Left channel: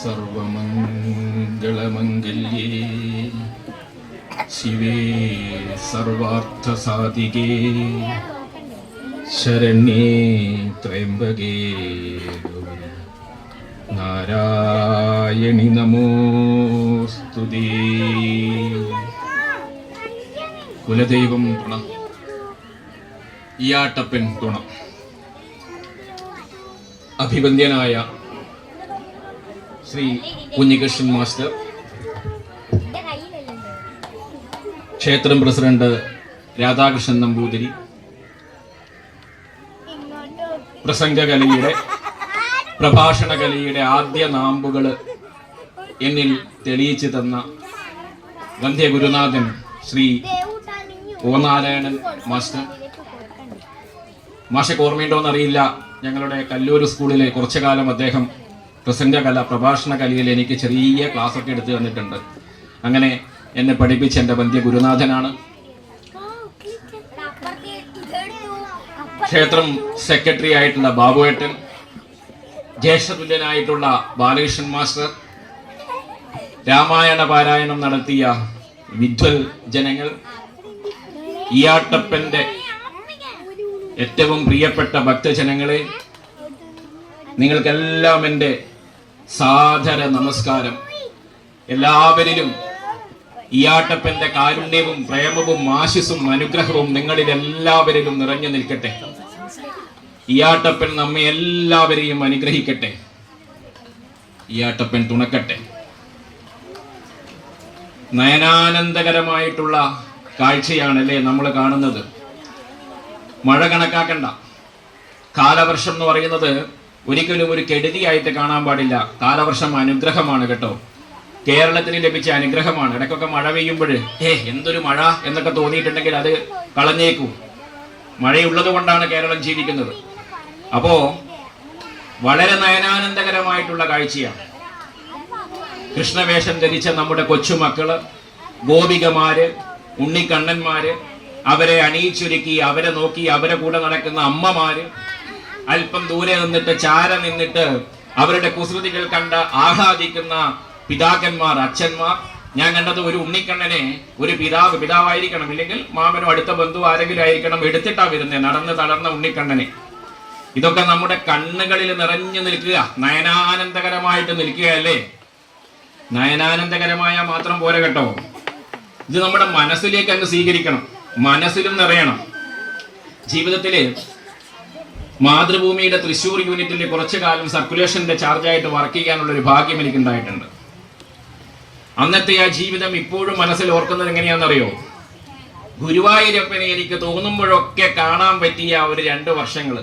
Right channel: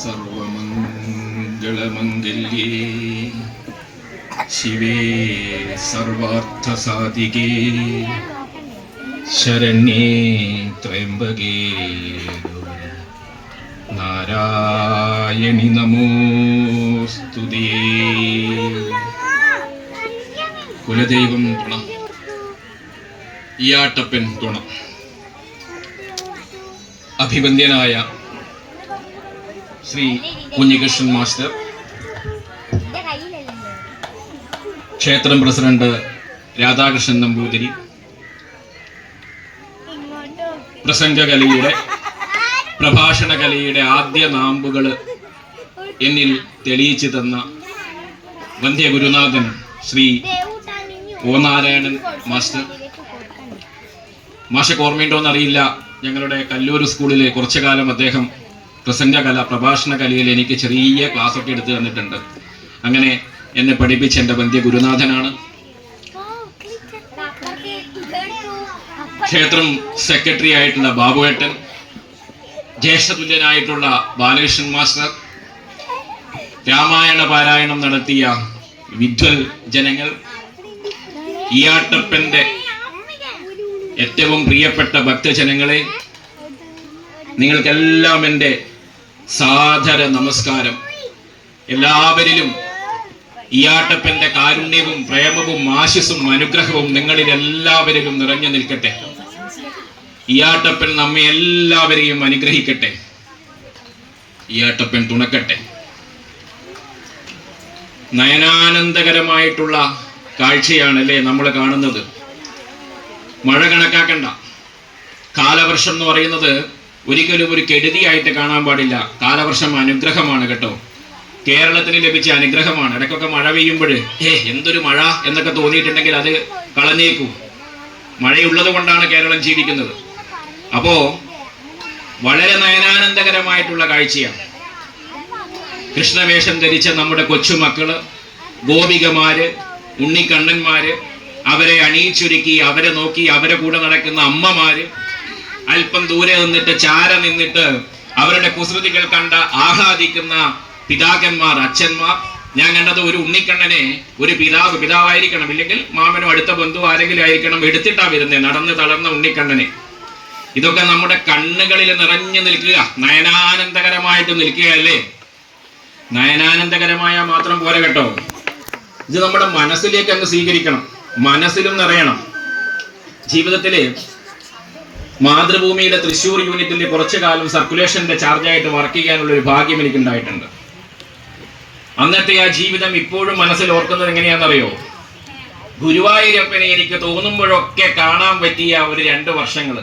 സർവമംഗളമംഗല്യേ ശിവേ സർവാർത്ഥസാധികേ ശരണ്യേ ത്രയംബകേ നാരായണി നമോസ്തുതേ. കുലദൈവം തുണ, ഈയാട്ടപ്പൻ തുണ. അഭിവന്ദ്യനായ ശ്രീ കുഞ്ഞികൃഷ്ണൻ മാസ്റ്റർ, ക്ഷേത്രം പ്രസിഡന്റ് രാധാകൃഷ്ണൻ നമ്പൂതിരി, പ്രസംഗകലയുടെ പ്രഭാഷണകലയുടെ ആദ്യ നാമ്പുകൾ എന്നിൽ തെളിയിച്ചു തന്ന വന്ധ്യ ഗുരുനാഥൻ ശ്രീ ഒ നാരായണൻ മാസ്റ്റർ. മാഷക്ക് ഓർമ്മയുണ്ടോയെന്നറിയില്ല, ഞങ്ങളുടെ കല്ലൂർ സ്കൂളിലെ കുറച്ചു കാലം അദ്ദേഹം പ്രസംഗകല പ്രഭാഷണ കലയിൽ എനിക്ക് ചെറിയ ക്ലാസ് ഒക്കെ എടുത്തു തന്നിട്ടുണ്ട്. അങ്ങനെ എന്നെ പഠിപ്പിച്ച എൻ്റെ വന്ധ്യ ഗുരുനാഥനാണ്. ക്ഷേത്രം സെക്രട്ടറി ആയിട്ടുള്ള ബാബുവേട്ടൻ, ജ്യേഷ്ഠതുല്യനായിട്ടുള്ള ബാലകൃഷ്ണൻ മാസ്റ്റർ, രാമായണ പാരായണം നടത്തിയ വിദ്വൽ ജനങ്ങൾ, ഈയാട്ടപ്പന്റെ ഏറ്റവും പ്രിയപ്പെട്ട ഭക്തജനങ്ങളെ, നിങ്ങൾക്കെല്ലാം എൻ്റെ സാദര നമസ്കാരം. എല്ലാവരിലും ഈയാട്ടപ്പന്റെ കാരുണ്യവും പ്രേമവും ആശിസും അനുഗ്രഹവും നിങ്ങളിൽ എല്ലാവരിലും നിറഞ്ഞു നിൽക്കട്ടെ. ഈയാട്ടപ്പൻ നമ്മെ എല്ലാവരെയും അനുഗ്രഹിക്കട്ടെ. ഈയാട്ടപ്പൻ തുണക്കട്ടെ. നയനാനന്ദകരമായിട്ടുള്ള കാഴ്ചയാണല്ലേ നമ്മൾ കാണുന്നത്. മഴ കണക്കാക്കണ്ട. കാലവർഷം എന്ന് പറയുന്നത് ഒരിക്കലും ഒരു കെടുതിയായിട്ട് കാണാൻ പാടില്ല. കാലവർഷം അനുഗ്രഹമാണ് കേട്ടോ. കേരളത്തിന് ലഭിച്ച അനുഗ്രഹമാണ്. ഇടയ്ക്കൊക്കെ മഴ പെയ്യുമ്പോൾ എന്തൊരു മഴ എന്നൊക്കെ തോന്നിയിട്ടുണ്ടെങ്കിൽ അത് കളഞ്ഞേക്കൂ. മഴയുള്ളത് കൊണ്ടാണ് കേരളം ജീവിക്കുന്നത്. അപ്പോ വളരെ നയനാനന്ദകരമായിട്ടുള്ള കാഴ്ചയാണ്. കൃഷ്ണവേഷം ധരിച്ച നമ്മുടെ കൊച്ചുമക്കള്, ഗോപികമാര്, ഉണ്ണിക്കണ്ണന്മാര്, അവരെ അണിയിച്ചൊരുക്കി അവരെ നോക്കി അവരെ കൂടെ നടക്കുന്ന അമ്മമാര്, അല്പം ദൂരെ നിന്നിട്ട് ചാര നിന്നിട്ട് അവരുടെ കുസൃതികൾ കണ്ട് ആഹ്ലാദിക്കുന്ന പിതാക്കന്മാർ, അച്ഛന്മാർ. ഞാൻ കണ്ടത് ഒരു ഉണ്ണിക്കണ്ണനെ ഒരു പിതാവായിരിക്കണം, ഇല്ലെങ്കിൽ മാമനും അടുത്ത ബന്ധു ആരെങ്കിലും ആയിരിക്കണം, എടുത്തിട്ടാ വരുന്നത് നടന്ന് തളർന്ന ഉണ്ണിക്കണ്ണനെ. ഇതൊക്കെ നമ്മുടെ കണ്ണുകളിൽ നിറഞ്ഞു നിൽക്കുക, നയനാനന്ദകരമായിട്ട് നിൽക്കുകയല്ലേ. നയനാനന്ദകരമായ മാത്രം പോരെ കേട്ടോ, ഇത് നമ്മുടെ മനസ്സിലേക്ക് അങ്ങ് സ്വീകരിക്കണം, മനസ്സിലും നിറയണം. ജീവിതത്തില് മാതൃഭൂമിയുടെ തൃശ്ശൂർ യൂണിറ്റിന്റെ കുറച്ചു കാലം സർക്കുലേഷന്റെ ചാർജായിട്ട് വർക്ക് ചെയ്യാനുള്ള ഒരു ഭാഗ്യം എനിക്കുണ്ടായിട്ടുണ്ട്. അന്നത്തെ ആ ജീവിതം ഇപ്പോഴും മനസ്സിൽ ഓർക്കുന്നത് എങ്ങനെയാണെന്നറിയോ? ഗുരുവായൂരപ്പനെ എനിക്ക് തോന്നുമ്പോഴൊക്കെ കാണാൻ പറ്റിയ ഒരു 2 വർഷങ്ങൾ.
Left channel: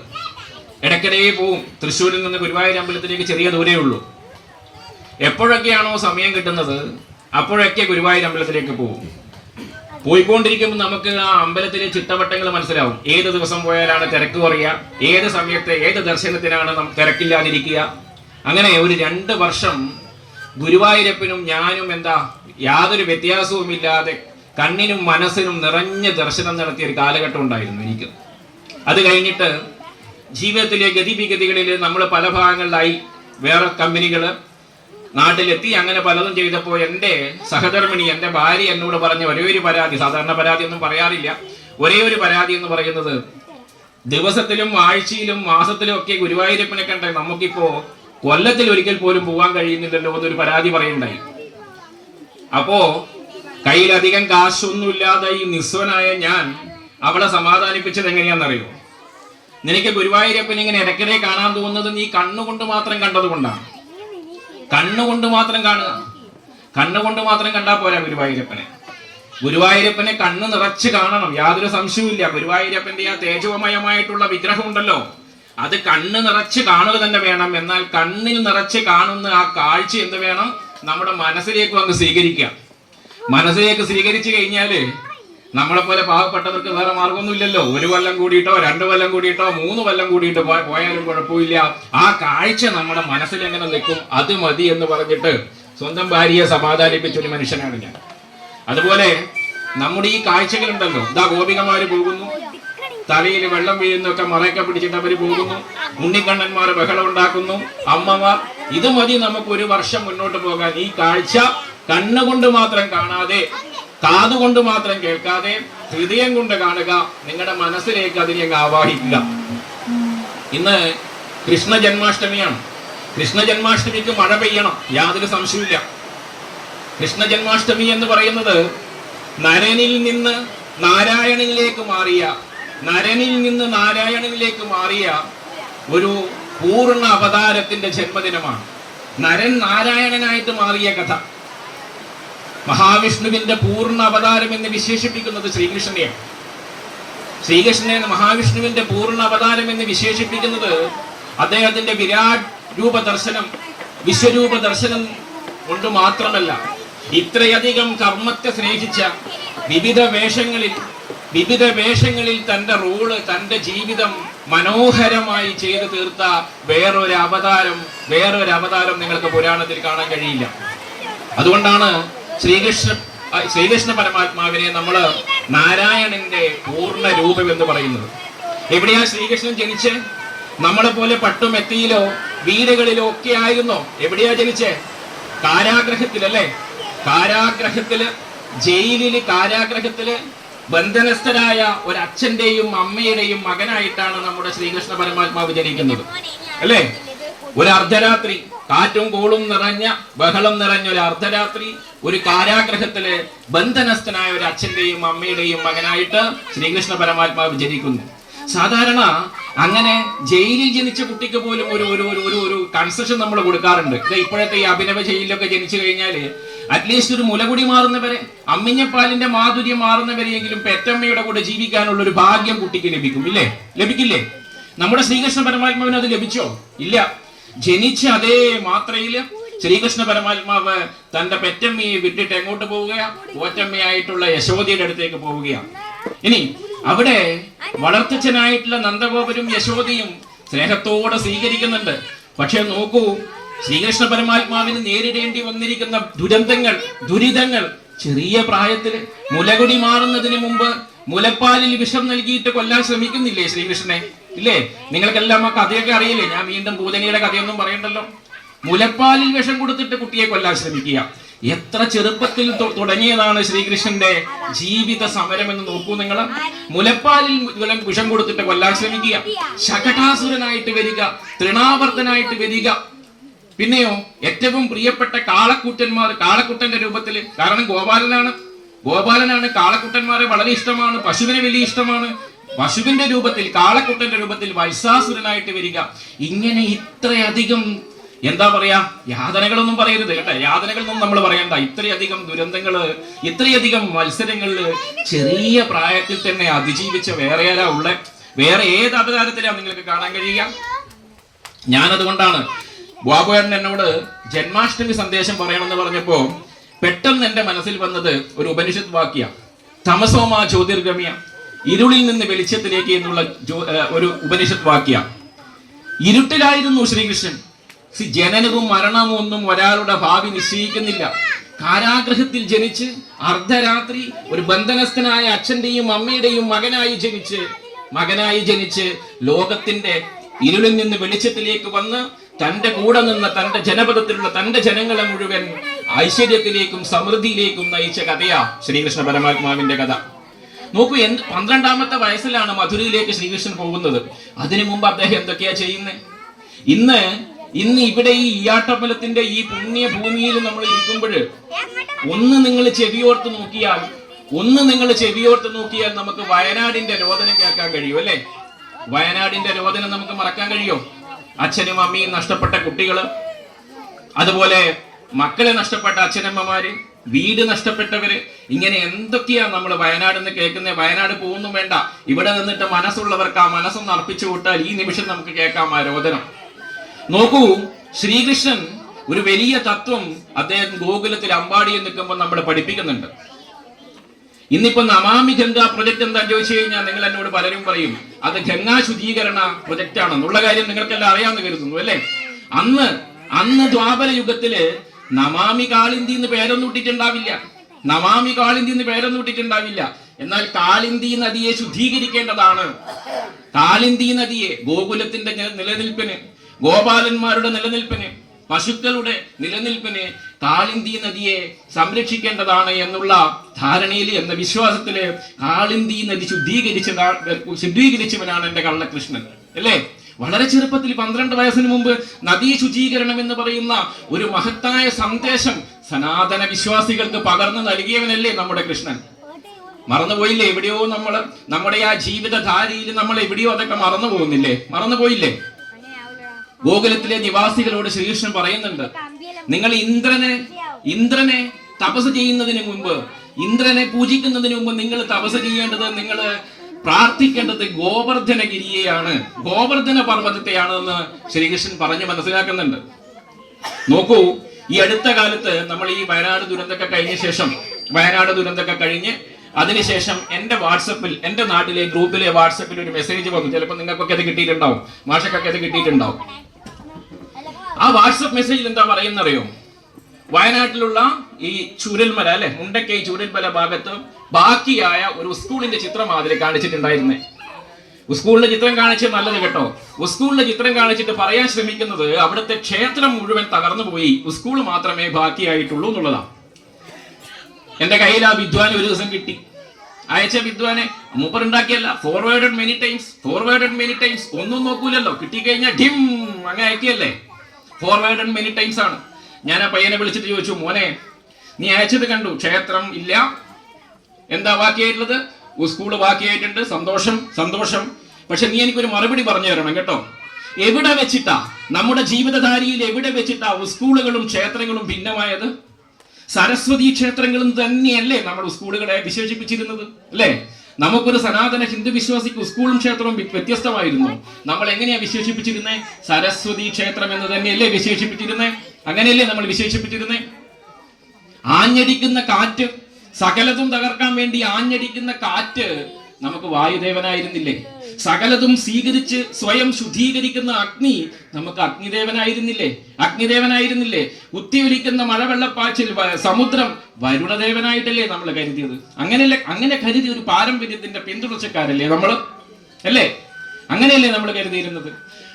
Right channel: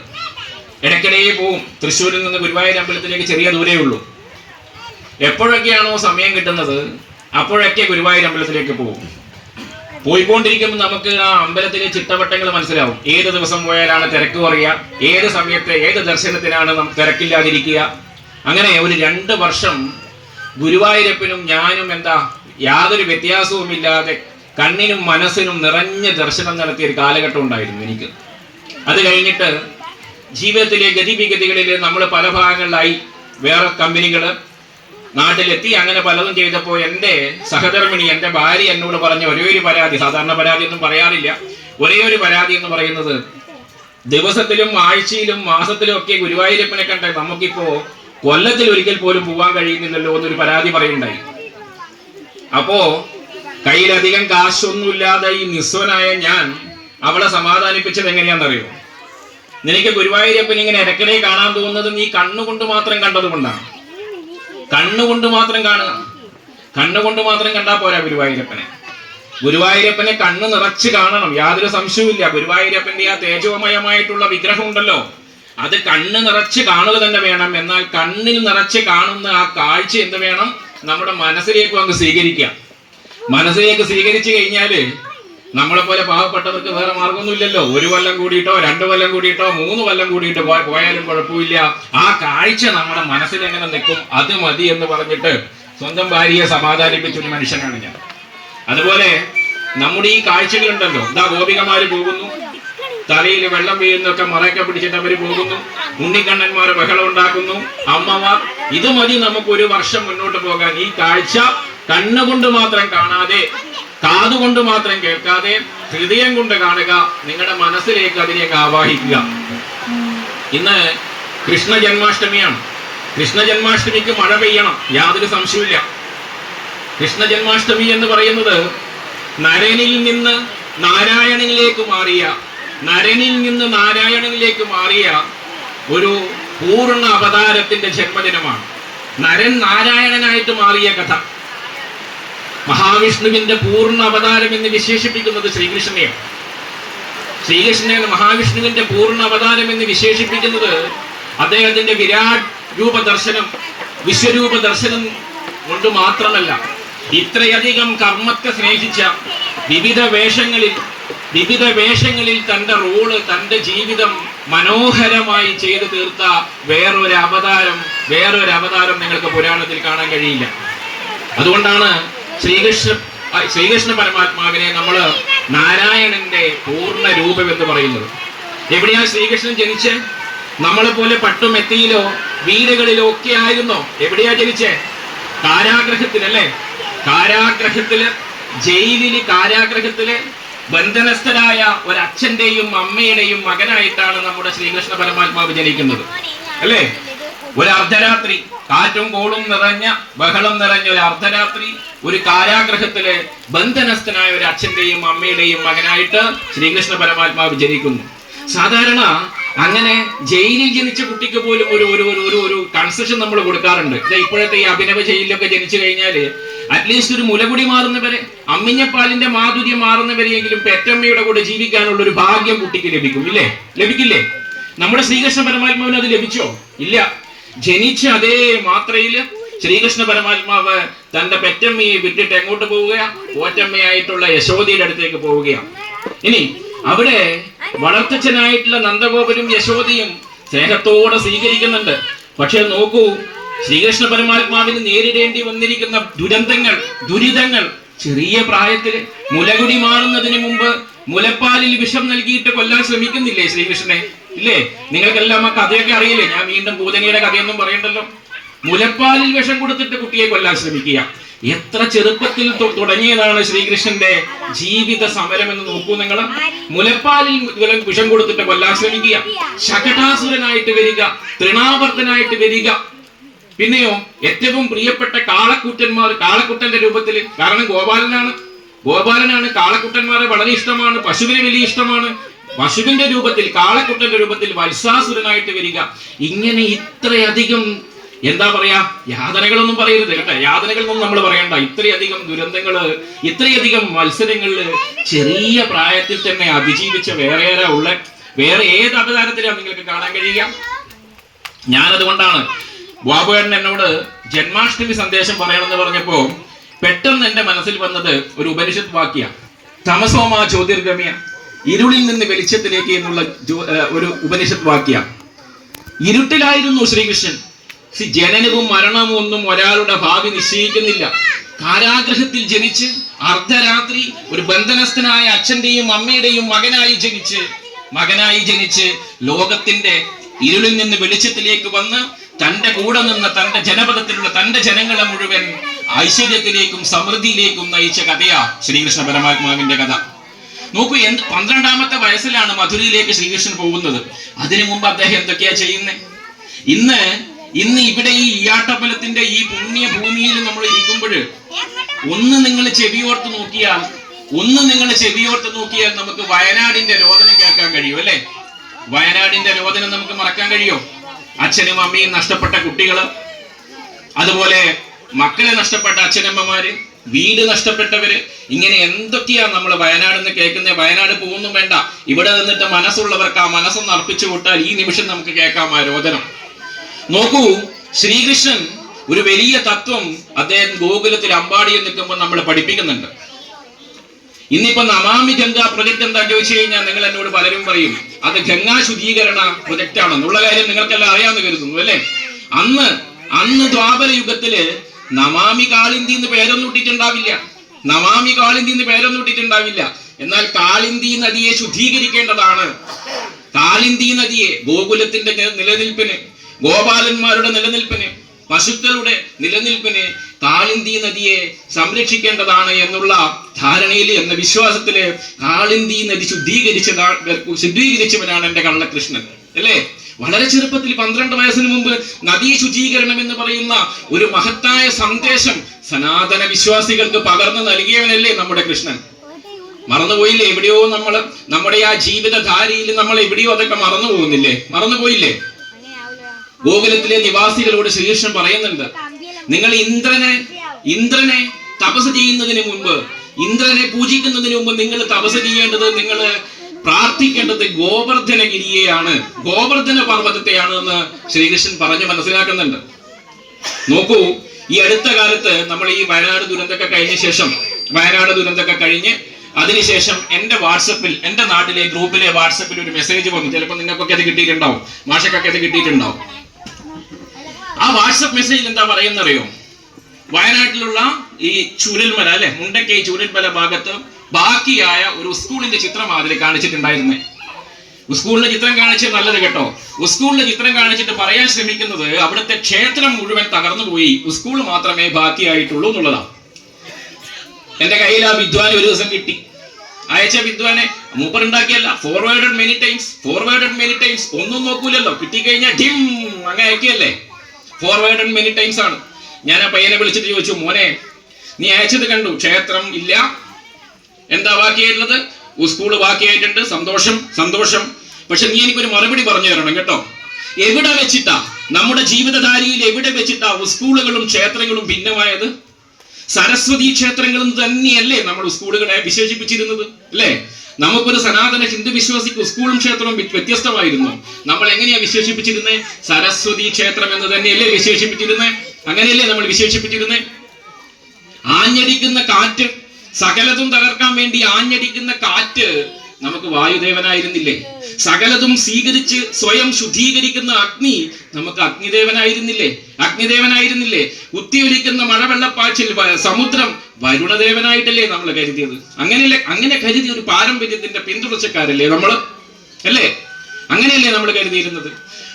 ഇടയ്ക്കിടെ പോവും. തൃശ്ശൂരിൽ നിന്ന് ഗുരുവായൂർ അമ്പലത്തിലേക്ക് ചെറിയ ദൂരേ ഉള്ളൂ. എപ്പോഴൊക്കെയാണോ സമയം കിട്ടുന്നത് അപ്പോഴൊക്കെ ഗുരുവായൂർ അമ്പലത്തിലേക്ക് പോകും. പോയിക്കൊണ്ടിരിക്കുമ്പോൾ നമുക്ക് ആ അമ്പലത്തിലെ ചിട്ടവട്ടങ്ങൾ മനസ്സിലാവും. ഏത് ദിവസം പോയാലാണ് തിരക്ക് കുറയുക, ഏത് സമയത്ത് ഏത് ദർശനത്തിനാണ് തിരക്കില്ലാതിരിക്കുക. അങ്ങനെ ഒരു 2 വർഷം ഗുരുവായൂരപ്പനും ഞാനും യാതൊരു വ്യത്യാസവും ഇല്ലാതെ കണ്ണിനും മനസ്സിനും നിറഞ്ഞ ദർശനം നടത്തിയ ഒരു കാലഘട്ടം ഉണ്ടായിരുന്നു എനിക്ക്. അത് കഴിഞ്ഞിട്ട് ജീവിതത്തിലെ ഗതിവിഗതികളിൽ നമ്മൾ പല ഭാഗങ്ങളിലായി, വേറെ കമ്പനികള് നാട്ടിലെത്തി, അങ്ങനെ പലതും ചെയ്തപ്പോൾ എൻ്റെ സഹധർമ്മിണി, എൻ്റെ ഭാര്യ എന്നോട് പറഞ്ഞ ഒരേ ഒരു പരാതി, സാധാരണ പരാതി ഒന്നും പറയാറില്ല, ഒരേ ഒരു പരാതി എന്ന് പറയുന്നത്, ദിവസത്തിലും ആഴ്ചയിലും മാസത്തിലും ഒക്കെ ഗുരുവായൂരപ്പനെ കണ്ട നമുക്കിപ്പോ കൊല്ലത്തിൽ ഒരിക്കൽ പോലും പോകാൻ കഴിയുന്നില്ലല്ലോ എന്നൊരു പരാതി പറയുണ്ടായി. അപ്പോ കയ്യിലധികം കാശൊന്നുമില്ലാതെ ഈ നിസ്വനായ ഞാൻ അവളെ സമാധാനിപ്പിച്ചത് എങ്ങനെയാണെന്നറിയോ? നിനക്ക് ഗുരുവായൂരപ്പൻ ഇങ്ങനെ ഇടയ്ക്കിടെ കാണാൻ തോന്നുന്നത് നീ കണ്ണുകൊണ്ട് മാത്രം കണ്ടതുകൊണ്ടാണ്. കണ്ണുകൊണ്ട് മാത്രം കാണുക, കണ്ണുകൊണ്ട് മാത്രം കണ്ടാൽ പോരാ ഗുരുവായൂരപ്പനെ. ഗുരുവായൂരപ്പനെ കണ്ണ് നിറച്ച് കാണണം, യാതൊരു സംശയവുമില്ല. ഗുരുവായൂരപ്പന്റെ ആ തേജോമയമായിട്ടുള്ള വിഗ്രഹം ഉണ്ടല്ലോ, അത് കണ്ണ് നിറച്ച് കാണുക തന്നെ വേണം. എന്നാൽ കണ്ണിൽ നിറച്ച് കാണുന്ന ആ കാഴ്ച എന്ത് വേണം? നമ്മുടെ മനസ്സിലേക്ക് അങ്ങ് സ്വീകരിക്കുക. മനസ്സിലേക്ക് സ്വീകരിച്ചു കഴിഞ്ഞാല് നമ്മളെ പോലെ പാവപ്പെട്ടവർക്ക് വേറെ മാർഗമൊന്നുമില്ലല്ലോ. 1 കൊല്ലം കൂടിയിട്ടോ 2 കൊല്ലം കൂടിയിട്ടോ 3 കൊല്ലം കൂടിയിട്ടോ പോയാലും കുഴപ്പമില്ല. ആ കാഴ്ച നമ്മുടെ മനസ്സിൽ എങ്ങനെ നിൽക്കും, അത് മതി എന്ന് പറഞ്ഞിട്ട് സ്വന്തം ഭാര്യയെ സമാധാനിപ്പിച്ച ഒരു മനുഷ്യനാണ് ഞാൻ. അതുപോലെ നമ്മുടെ ഈ കാഴ്ചകളുണ്ടല്ലോ, ഇതാ ഗോപികമാര് പോകുന്നു, തലയിൽ വെള്ളം വീഴുന്നൊക്കെ മറയൊക്കെ പിടിച്ചിട്ട് അവര് പോകുന്നു, ഉണ്ണിക്കണ്ണന്മാർ ബഹളം ഉണ്ടാക്കുന്നു, അമ്മമാർ. ഇത് മതി നമുക്ക് ഒരു വർഷം മുന്നോട്ട് പോകാൻ. ഈ കാഴ്ച കണ്ണുകൊണ്ട് മാത്രം കാണാതെ, കാതുകൊണ്ട് മാത്രം കേൾക്കാതെ, ഹൃദയം കൊണ്ട് കാണുക, നിങ്ങളുടെ മനസ്സിലേക്ക് അതിനെ ആവാഹിക്കുക. ഇന്ന് കൃഷ്ണ ജന്മാഷ്ടമിയാണ്. കൃഷ്ണ ജന്മാഷ്ടമിക്ക് മഴ പെയ്യണം, യാതൊരു സംശയമില്ല. കൃഷ്ണ ജന്മാഷ്ടമി എന്ന് പറയുന്നത് നരനിൽ നിന്ന് നാരായണനിലേക്ക് മാറിയ ഒരു പൂർണ്ണ അവതാരത്തിന്റെ ജന്മദിനമാണ്. നരൻ നാരായണനായിട്ട് മാറിയ കഥ. മഹാവിഷ്ണുവിന്റെ പൂർണ്ണ അവതാരം എന്ന് വിശേഷിപ്പിക്കുന്നത് ശ്രീകൃഷ്ണനെയാണ്. ശ്രീകൃഷ്ണനെ മഹാവിഷ്ണുവിന്റെ പൂർണ്ണ അവതാരം എന്ന് വിശേഷിപ്പിക്കുന്നത് അദ്ദേഹത്തിന്റെ വിരാട് രൂപ ദർശനം, വിശ്വരൂപ ദർശനം കൊണ്ട് മാത്രമല്ല, ഇത്രയധികം കർമ്മത്തെ സ്നേഹിച്ച വിവിധ വേഷങ്ങളിൽ തന്റെ റോള്, തന്റെ ജീവിതം മനോഹരമായി ചെയ്തു തീർത്ത വേറൊരു അവതാരം നിങ്ങൾക്ക് പുരാണത്തിൽ കാണാൻ കഴിയില്ല. അതുകൊണ്ടാണ് ശ്രീകൃഷ്ണ പരമാത്മാവിനെ നമ്മൾ നാരായണന്റെ പൂർണ്ണ രൂപം എന്ന് പറയുന്നത്. എവിടെയാ ശ്രീകൃഷ്ണൻ ജനിച്ച്? നമ്മളെ പോലെ പട്ടുമെത്തിയിലോ വീടുകളിലോ ഒക്കെ ആയിരുന്നോ? എവിടെയാ ജനിച്ചേ? കാരാഗ്രഹത്തിലല്ലേ? കാരാഗ്രഹത്തില് ബന്ധനസ്ഥരായ ഒരു അച്ഛന്റെയും അമ്മയുടെയും മകനായിട്ടാണ് നമ്മുടെ ശ്രീകൃഷ്ണ പരമാത്മാവ് ജനിക്കുന്നത്, അല്ലേ? ഒരു അർദ്ധരാത്രി, കാറ്റും കോളും നിറഞ്ഞ, ബഹളം നിറഞ്ഞ ഒരു അർദ്ധരാത്രി, ഒരു കാരാഗ്രഹത്തില് ബന്ധനസ്ഥനായ ഒരു അച്ഛന്റെയും അമ്മയുടെയും മകനായിട്ട് ശ്രീകൃഷ്ണ പരമാത്മാവ് ജനിക്കുന്നു. സാധാരണ അങ്ങനെ ജയിലിൽ ജനിച്ച കുട്ടിക്ക് പോലും ഒരു കൺസെഷൻ നമ്മൾ കൊടുക്കാറുണ്ട്. ഇപ്പോഴത്തെ ഈ അഭിനവ ജയിലിലൊക്കെ ജനിച്ചു കഴിഞ്ഞാല് അറ്റ്ലീസ്റ്റ് ഒരു മുലകുടി മാറുന്നവരെ, അമ്മിഞ്ഞപ്പാലിന്റെ മാധുര്യം മാറുന്നവരെയെങ്കിലും പെറ്റമ്മയുടെ കൂടെ ജീവിക്കാനുള്ള ഒരു ഭാഗ്യം കുട്ടിക്ക് ലഭിക്കില്ലേ? നമ്മുടെ ശ്രീകൃഷ്ണ പരമാത്മാവിന് അത് ലഭിച്ചോ? ഇല്ല. ജനിച്ച അതേ മാത്രയില് ശ്രീകൃഷ്ണ പരമാത്മാവ് തന്റെ പെറ്റമ്മയെ വിട്ടിട്ട് എങ്ങോട്ട് പോവുകയാ? പോറ്റമ്മയായിട്ടുള്ള യശോദയുടെ അടുത്തേക്ക് പോവുകയാണ്. ഇനി അവിടെ വളർത്തച്ഛനായിട്ടുള്ള നന്ദഗോപരും യശോദയും സ്നേഹത്തോടെ സ്വീകരിക്കുന്നുണ്ട്. പക്ഷെ നോക്കൂ, ശ്രീകൃഷ്ണ പരമാത്മാവിന് നേരിടേണ്ടി വന്നിരിക്കുന്ന ദുരിതങ്ങൾ ചെറിയ പ്രായത്തില് മുലകുടി മാറുന്നതിന് മുമ്പ് മുലപ്പാലിൽ വിഷം നൽകിയിട്ട് കൊല്ലാൻ ശ്രമിക്കുന്നില്ലേ ശ്രീകൃഷ്ണനെ? ഇല്ലേ? നിങ്ങൾക്കെല്ലാം ആ കഥയൊക്കെ അറിയില്ലേ? ഞാൻ വീണ്ടും പൂതനയുടെ കഥയൊന്നും പറയണ്ടല്ലോ. മുലപ്പാലിൽ വിഷം കൊടുത്തിട്ട് കുട്ടിയെ കൊല്ലാൻ ശ്രമിക്കുക. എത്ര ചെറുപ്പത്തിൽ തുടങ്ങിയതാണ് ശ്രീകൃഷ്ണന്റെ ജീവിത സമരം എന്ന് നോക്കൂ നിങ്ങൾ. മുലപ്പാലിൽ വിഷം കൊടുത്തിട്ട് കൊല്ലാൻ ശ്രമിക്കുക, ശകടാസുരനായിട്ട് വരിക, തൃണാവർത്തനായിട്ട് വരിക. പിന്നെയോ ഏറ്റവും പ്രിയപ്പെട്ട കാളക്കുട്ടന്റെ രൂപത്തിൽ, കാരണം ഗോപാലനാണ് കാളക്കുട്ടന്മാരെ വളരെ ഇഷ്ടമാണ്, പശുവിനെ വലിയ ഇഷ്ടമാണ്. പശുവിന്റെ രൂപത്തിൽ, കാളക്കുട്ടന്റെ രൂപത്തിൽ വത്സാസുരനായിട്ട് വരിക. ഇങ്ങനെ ഇത്രയധികം എന്താ പറയാ, യാതനകളൊന്നും പറയരുത് കേട്ടോ, യാതനകളൊന്നും നമ്മൾ പറയണ്ട. ഇത്രയധികം ദുരന്തങ്ങള്, ഇത്രയധികം മത്സരങ്ങളില് ചെറിയ പ്രായത്തിൽ തന്നെ അതിജീവിച്ച വേറെ ഏത് അവതാരത്തിലാണ് നിങ്ങൾക്ക് കാണാൻ കഴിയുക? ഞാനതുകൊണ്ടാണ് ബാബുവേട്ടൻ എന്നോട് ജന്മാഷ്ടമി സന്ദേശം പറയണമെന്ന് പറഞ്ഞപ്പോ പെട്ടെന്ന് എന്റെ മനസ്സിൽ വന്നത് ഒരു ഉപനിഷത്ത് വാക്യ, തമസോമ ജ്യോതിർഗമ്യ, ഇരുളിൽ നിന്ന് വെളിച്ചത്തിലേക്ക് എന്നുള്ള ഒരു ഉപനിഷത്ത് വാക്യ. ഇരുട്ടിലായിരുന്നു ശ്രീകൃഷ്ണൻ. ജനനവും മരണവും ഒന്നും ഒരാളുടെ ഭാവി നിശ്ചയിക്കുന്നില്ല. കാരാഗ്രഹത്തിൽ ജനിച്ച് അർദ്ധരാത്രി ഒരു ബന്ധനസ്ഥനായ അച്ഛന്റെയും അമ്മയുടെയും മകനായി ജനിച്ച് ലോകത്തിന്റെ ഇരുളിൽ നിന്ന് വെളിച്ചത്തിലേക്ക് വന്ന് തന്റെ കൂടെ നിന്ന തന്റെ ജനപദത്തിലുള്ള തന്റെ ജനങ്ങളെ മുഴുവൻ ഐശ്വര്യത്തിലേക്കും സമൃദ്ധിയിലേക്കും നയിച്ച കഥയാ ശ്രീകൃഷ്ണ പരമാത്മാവിന്റെ കഥ. നോക്കൂ, 12ാമത്തെ വയസ്സിലാണ് മധുരയിലേക്ക് ശ്രീകൃഷ്ണൻ പോകുന്നത്. അതിനു മുമ്പ് അദ്ദേഹം എന്തൊക്കെയാ ചെയ്യുന്നത്? ഇന്ന് ഇവിടെ ഈ ഈയാട്ടമ്പലത്തിന്റെ ഈ പുണ്യ ഭൂമിയിൽ നമ്മൾ ഇരിക്കുമ്പോൾ ഒന്ന് നിങ്ങൾ ചെവിയോർത്ത് നോക്കിയാൽ നമുക്ക് വയനാടിന്റെ രോദനം കേൾക്കാൻ കഴിയും, അല്ലെ? വയനാടിന്റെ രോദനം നമുക്ക് മറക്കാൻ കഴിയോ? അച്ഛനും അമ്മയും നഷ്ടപ്പെട്ട കുട്ടികള്, അതുപോലെ മക്കളെ നഷ്ടപ്പെട്ട അച്ഛനമ്മമാര്, വീട് നഷ്ടപ്പെട്ടവര്, ഇങ്ങനെ എന്തൊക്കെയാ നമ്മൾ വയനാടെന്ന് കേൾക്കുന്നത്. വയനാട് പോകുന്നു വേണ്ട, ഇവിടെ നിന്നിട്ട് മനസ്സുള്ളവർക്ക് ആ മനസ്സൊന്ന് അർപ്പിച്ചു വിട്ടാൽ ഈ നിമിഷം നമുക്ക് കേൾക്കാം ആ രോദനം. നോക്കൂ, ശ്രീകൃഷ്ണൻ ഒരു വലിയ തത്വം അദ്ദേഹം ഗോകുലത്തിൽ അമ്പാടിയിൽ നിൽക്കുമ്പോൾ നമ്മൾ പഠിപ്പിക്കുന്നുണ്ട്. ഇന്നിപ്പോ നമാമി ഗംഗ പ്രൊജക്ട് എന്താ ചോദിച്ചു കഴിഞ്ഞാൽ നിങ്ങൾ എന്നോട് പലരും പറയും അത് ഗംഗാ ശുദ്ധീകരണ പ്രൊജക്ട് ആണെന്നുള്ള കാര്യം നിങ്ങൾക്കെല്ലാം അറിയാമെന്ന് കരുതുന്നു, അല്ലെ? അന്ന് ദ്വാപര യുഗത്തില് നമാമി കാളിന്തി എന്ന് പേരൊന്നും ഇട്ടിട്ടുണ്ടാവില്ല. നമാമി കാളിന്തി എന്ന് പേരൊന്നും ഇട്ടിട്ടുണ്ടാവില്ല. എന്നാൽ കാളിന്തി നദിയെ ശുദ്ധീകരിക്കേണ്ടതാണ്. കാളിന്തി നദിയെ ഗോകുലത്തിന്റെ നിലനിൽപ്പിന്, ഗോപാലന്മാരുടെ നിലനിൽപ്പിന്, പശുക്കളുടെ നിലനിൽപ്പിന് കാളിന്തി നദിയെ സംരക്ഷിക്കേണ്ടതാണ് എന്നുള്ള ധാരണയിൽ, എന്ന വിശ്വാസത്തില് കാളിന്തി നദി ശുദ്ധീകരിച്ചവനാണ് എന്റെ കള്ളകൃഷ്ണൻ, അല്ലേ? വളരെ ചെറുപ്പത്തിൽ 12 വയസ്സിന് മുമ്പ് നദീ ശുചീകരണം എന്ന് പറയുന്ന ഒരു മഹത്തായ സന്ദേശം സനാതന വിശ്വാസികൾക്ക് പകർന്നു നൽകിയവനല്ലേ നമ്മുടെ കൃഷ്ണൻ. മറന്നുപോയില്ലേ? എവിടെയോ നമ്മുടെ ആ ജീവിതധാരയിൽ നമ്മൾ എവിടെയോ അതൊക്കെ മറന്നു പോകുന്നില്ലേ? മറന്നുപോയില്ലേ? ഗോകുലത്തിലെ നിവാസികളോട് ശ്രീകൃഷ്ണൻ പറയുന്നുണ്ട്, നിങ്ങൾ ഇന്ദ്രനെ തപസ് ചെയ്യുന്നതിന് മുമ്പ്, ഇന്ദ്രനെ പൂജിക്കുന്നതിന് മുമ്പ് നിങ്ങൾ തപസ് ചെയ്യേണ്ടത്, നിങ്ങൾ പ്രാർത്ഥിക്കേണ്ടത് ഗോവർദ്ധനഗിരിയെയാണ്, ഗോവർദ്ധന പർവ്വതത്തെയാണ് എന്ന് ശ്രീകൃഷ്ണൻ പറഞ്ഞു മനസ്സിലാക്കുന്നുണ്ട്. നോക്കൂ, ഈ അടുത്ത കാലത്ത് നമ്മൾ ഈ വയനാട് ദുരന്തമൊക്കെ കഴിഞ്ഞ് അതിനുശേഷം എന്റെ വാട്സപ്പിൽ, എന്റെ നാട്ടിലെ ഗ്രൂപ്പിലെ വാട്സപ്പിൽ ഒരു മെസ്സേജ് വന്നു. ചിലപ്പോൾ നിങ്ങൾക്കൊക്കെ അത് കിട്ടിയിട്ടുണ്ടാവും, മാഷക്കൊക്കെ അത് കിട്ടിയിട്ടുണ്ടാവും. ആ വാട്സപ്പ് മെസ്സേജിൽ എന്താ പറയുന്നറിയോ? വയനാട്ടിലുള്ള ഈ ചൂരൽമല, അല്ലെ, മുണ്ടക്കൈ ചൂരൽമല ഭാഗത്ത് ബാക്കിയായ ഒരു സ്കൂളിന്റെ ചിത്രം മാതിരി കാണിച്ചിട്ടുണ്ടായിരുന്നേ. സ്കൂളിന്റെ ചിത്രം കാണിച്ച് നല്ലത് കേട്ടോ. സ്കൂളിന്റെ ചിത്രം കാണിച്ചിട്ട് പറയാൻ ശ്രമിക്കുന്നത് അവിടുത്തെ ക്ഷേത്രം മുഴുവൻ തകർന്നു പോയി, സ്കൂൾ മാത്രമേ ബാക്കിയായിട്ടുള്ളൂ എന്നുള്ളതാണ്. എന്റെ കയ്യിൽ ആ വിദ്വാൻ ഒരു ദിവസം കിട്ടി. അയച്ച വിദ്വാനെ മൂപ്പറുണ്ടാക്കിയല്ല, ഫോർവേഡഡ് മെനി ടൈംസ്, ഒന്നും നോക്കൂലല്ലോ, കിട്ടിക്കഴിഞ്ഞാൽ ഡിം അങ്ങനെ അയക്കുകയല്ലേ. ഫോർവേഡഡ് മെനി ടൈംസ് ആണ്. ഞാൻ ആ പയ്യനെ വിളിച്ചിട്ട് ചോദിച്ചു, മോനെ നീ അയച്ചത് കണ്ടു, ക്ഷേത്രം ഇല്ല, എന്താ ബാക്കിയായിട്ടുള്ളത്? സ്കൂള് ബാക്കിയായിട്ടുണ്ട്, സന്തോഷം. പക്ഷെ നീ എനിക്കൊരു മറുപടി പറഞ്ഞു തരണം കേട്ടോ. എവിടെ വെച്ചിട്ടാ, നമ്മുടെ ജീവിതധാരയിൽ എവിടെ വെച്ചിട്ടാ സ്കൂളുകളും ക്ഷേത്രങ്ങളും ഭിന്നമായത്? സരസ്വതി ക്ഷേത്രങ്ങളും തന്നെയല്ലേ നമ്മൾ സ്കൂളുകളെ വിശേഷിപ്പിച്ചിരുന്നത്, അല്ലേ? നമുക്കൊരു സനാതന ഹിന്ദു വിശ്വാസിക്ക് സ്കൂളും ക്ഷേത്രവും വ്യത്യസ്തമായിരുന്നു. നമ്മൾ എങ്ങനെയാ വിശേഷിപ്പിച്ചിരുന്നത്? സരസ്വതി ക്ഷേത്രം എന്ന് തന്നെയല്ലേ വിശേഷിപ്പിച്ചിരുന്നത്? അങ്ങനെയല്ലേ നമ്മൾ വിശേഷിപ്പിച്ചിരുന്നത്? ആഞ്ഞടിക്കുന്ന കാറ്റ്, സകലതും തകർക്കാൻ വേണ്ടി ആഞ്ഞടിക്കുന്ന കാറ്റ് നമുക്ക് വായുദേവനായിരുന്നില്ലേ? സകലതും സ്വീകരിച്ച് സ്വയം ശുദ്ധീകരിക്കുന്ന അഗ്നി നമുക്ക് അഗ്നിദേവനായിരുന്നില്ലേ? കുത്തിയൊലിക്കുന്ന മഴവെള്ളപ്പാച്ചിൽ സമുദ്രം വരുണദേവനായിട്ടല്ലേ നമ്മൾ കരുതിയത്? അങ്ങനെ കരുതിയ ഒരു പാരമ്പര്യത്തിന്റെ പിന്തുടർച്ചക്കാരല്ലേ നമ്മൾ, അല്ലേ? അങ്ങനെയല്ലേ നമ്മൾ കരുതിയിരുന്നത്?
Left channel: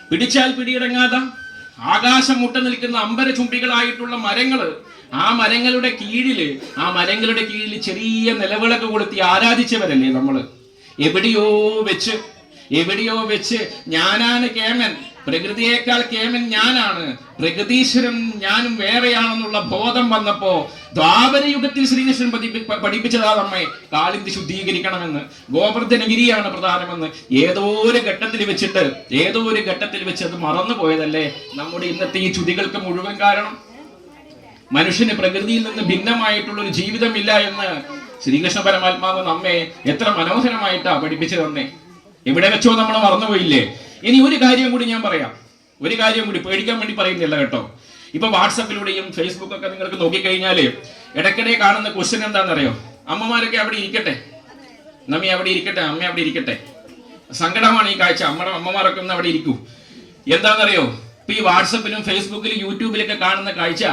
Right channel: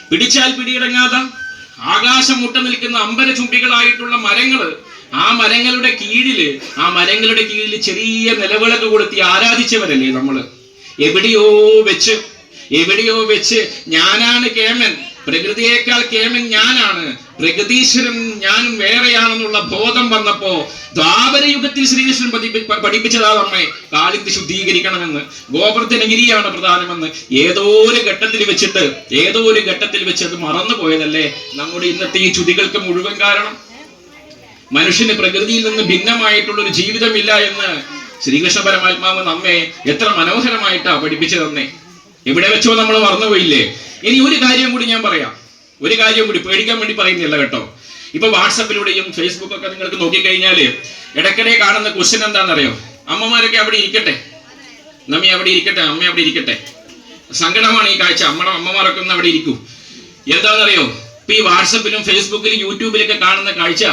പിടിച്ചാൽ പിടിയടങ്ങാതെ ആകാശം മുട്ട നിൽക്കുന്ന അമ്പരചുംബികളായിട്ടുള്ള മരങ്ങള്, ആ മരങ്ങളുടെ കീഴില് ചെറിയ നിലവിളക്ക് കൊടുത്തി ആരാധിച്ചവരല്ലേ നമ്മള്? എവിടെയോ വെച്ച് ഞാനാണ് കേമൻ, പ്രകൃതിയേക്കാൾ കേമൻ ഞാനാണ്, പ്രകൃതീശ്വരൻ ഞാനും വേറെയാണെന്നുള്ള ബോധം വന്നപ്പോ ദ്വാപരയുഗത്തിൽ ശ്രീകൃഷ്ണൻ പഠിപ്പിച്ചതാ നമ്മെ കാളിന്തി ശുദ്ധീകരിക്കണമെന്ന്, ഗോവർദ്ധനഗിരിയാണ് പ്രധാനമെന്ന്. ഏതോ ഒരു ഘട്ടത്തിൽ വെച്ച് അത് മറന്നുപോയതല്ലേ നമ്മുടെ ഇന്നത്തെ ഈ ചുതികൾക്ക് മുഴുവൻ കാരണം. മനുഷ്യന് പ്രകൃതിയിൽ നിന്ന് ഭിന്നമായിട്ടുള്ള ഒരു ജീവിതമില്ല എന്ന് ശ്രീകൃഷ്ണ പരമാത്മാവ് നമ്മെ എത്ര മനോഹരമായിട്ടാ പഠിപ്പിച്ചു തന്നെ. എവിടെ വെച്ചോ നമ്മൾ മറന്നുപോയില്ലേ? ഇനി ഒരു കാര്യം കൂടി ഞാൻ പറയാം, പേടിക്കാൻ വേണ്ടി പറയുന്നില്ല കേട്ടോ. ഇപ്പൊ വാട്സപ്പിലൂടെയും ഫേസ്ബുക്കൊക്കെ നിങ്ങൾക്ക് നോക്കിക്കഴിഞ്ഞാല് ഇടയ്ക്കിടെ കാണുന്ന ക്വസ്റ്റ്യൻ എന്താണെന്നറിയോ? അമ്മമാരൊക്കെ അവിടെ ഇരിക്കട്ടെ, അമ്മ അവിടെ ഇരിക്കട്ടെ. സങ്കടമാണ് ഈ കാഴ്ച. അമ്മമാരൊക്കെ ഒന്ന് അവിടെ ഇരിക്കൂ. എന്താണെന്നറിയോ? ഇപ്പൊ ഈ വാട്സപ്പിലും ഫേസ്ബുക്കിലും യൂട്യൂബിലൊക്കെ കാണുന്ന കാഴ്ച,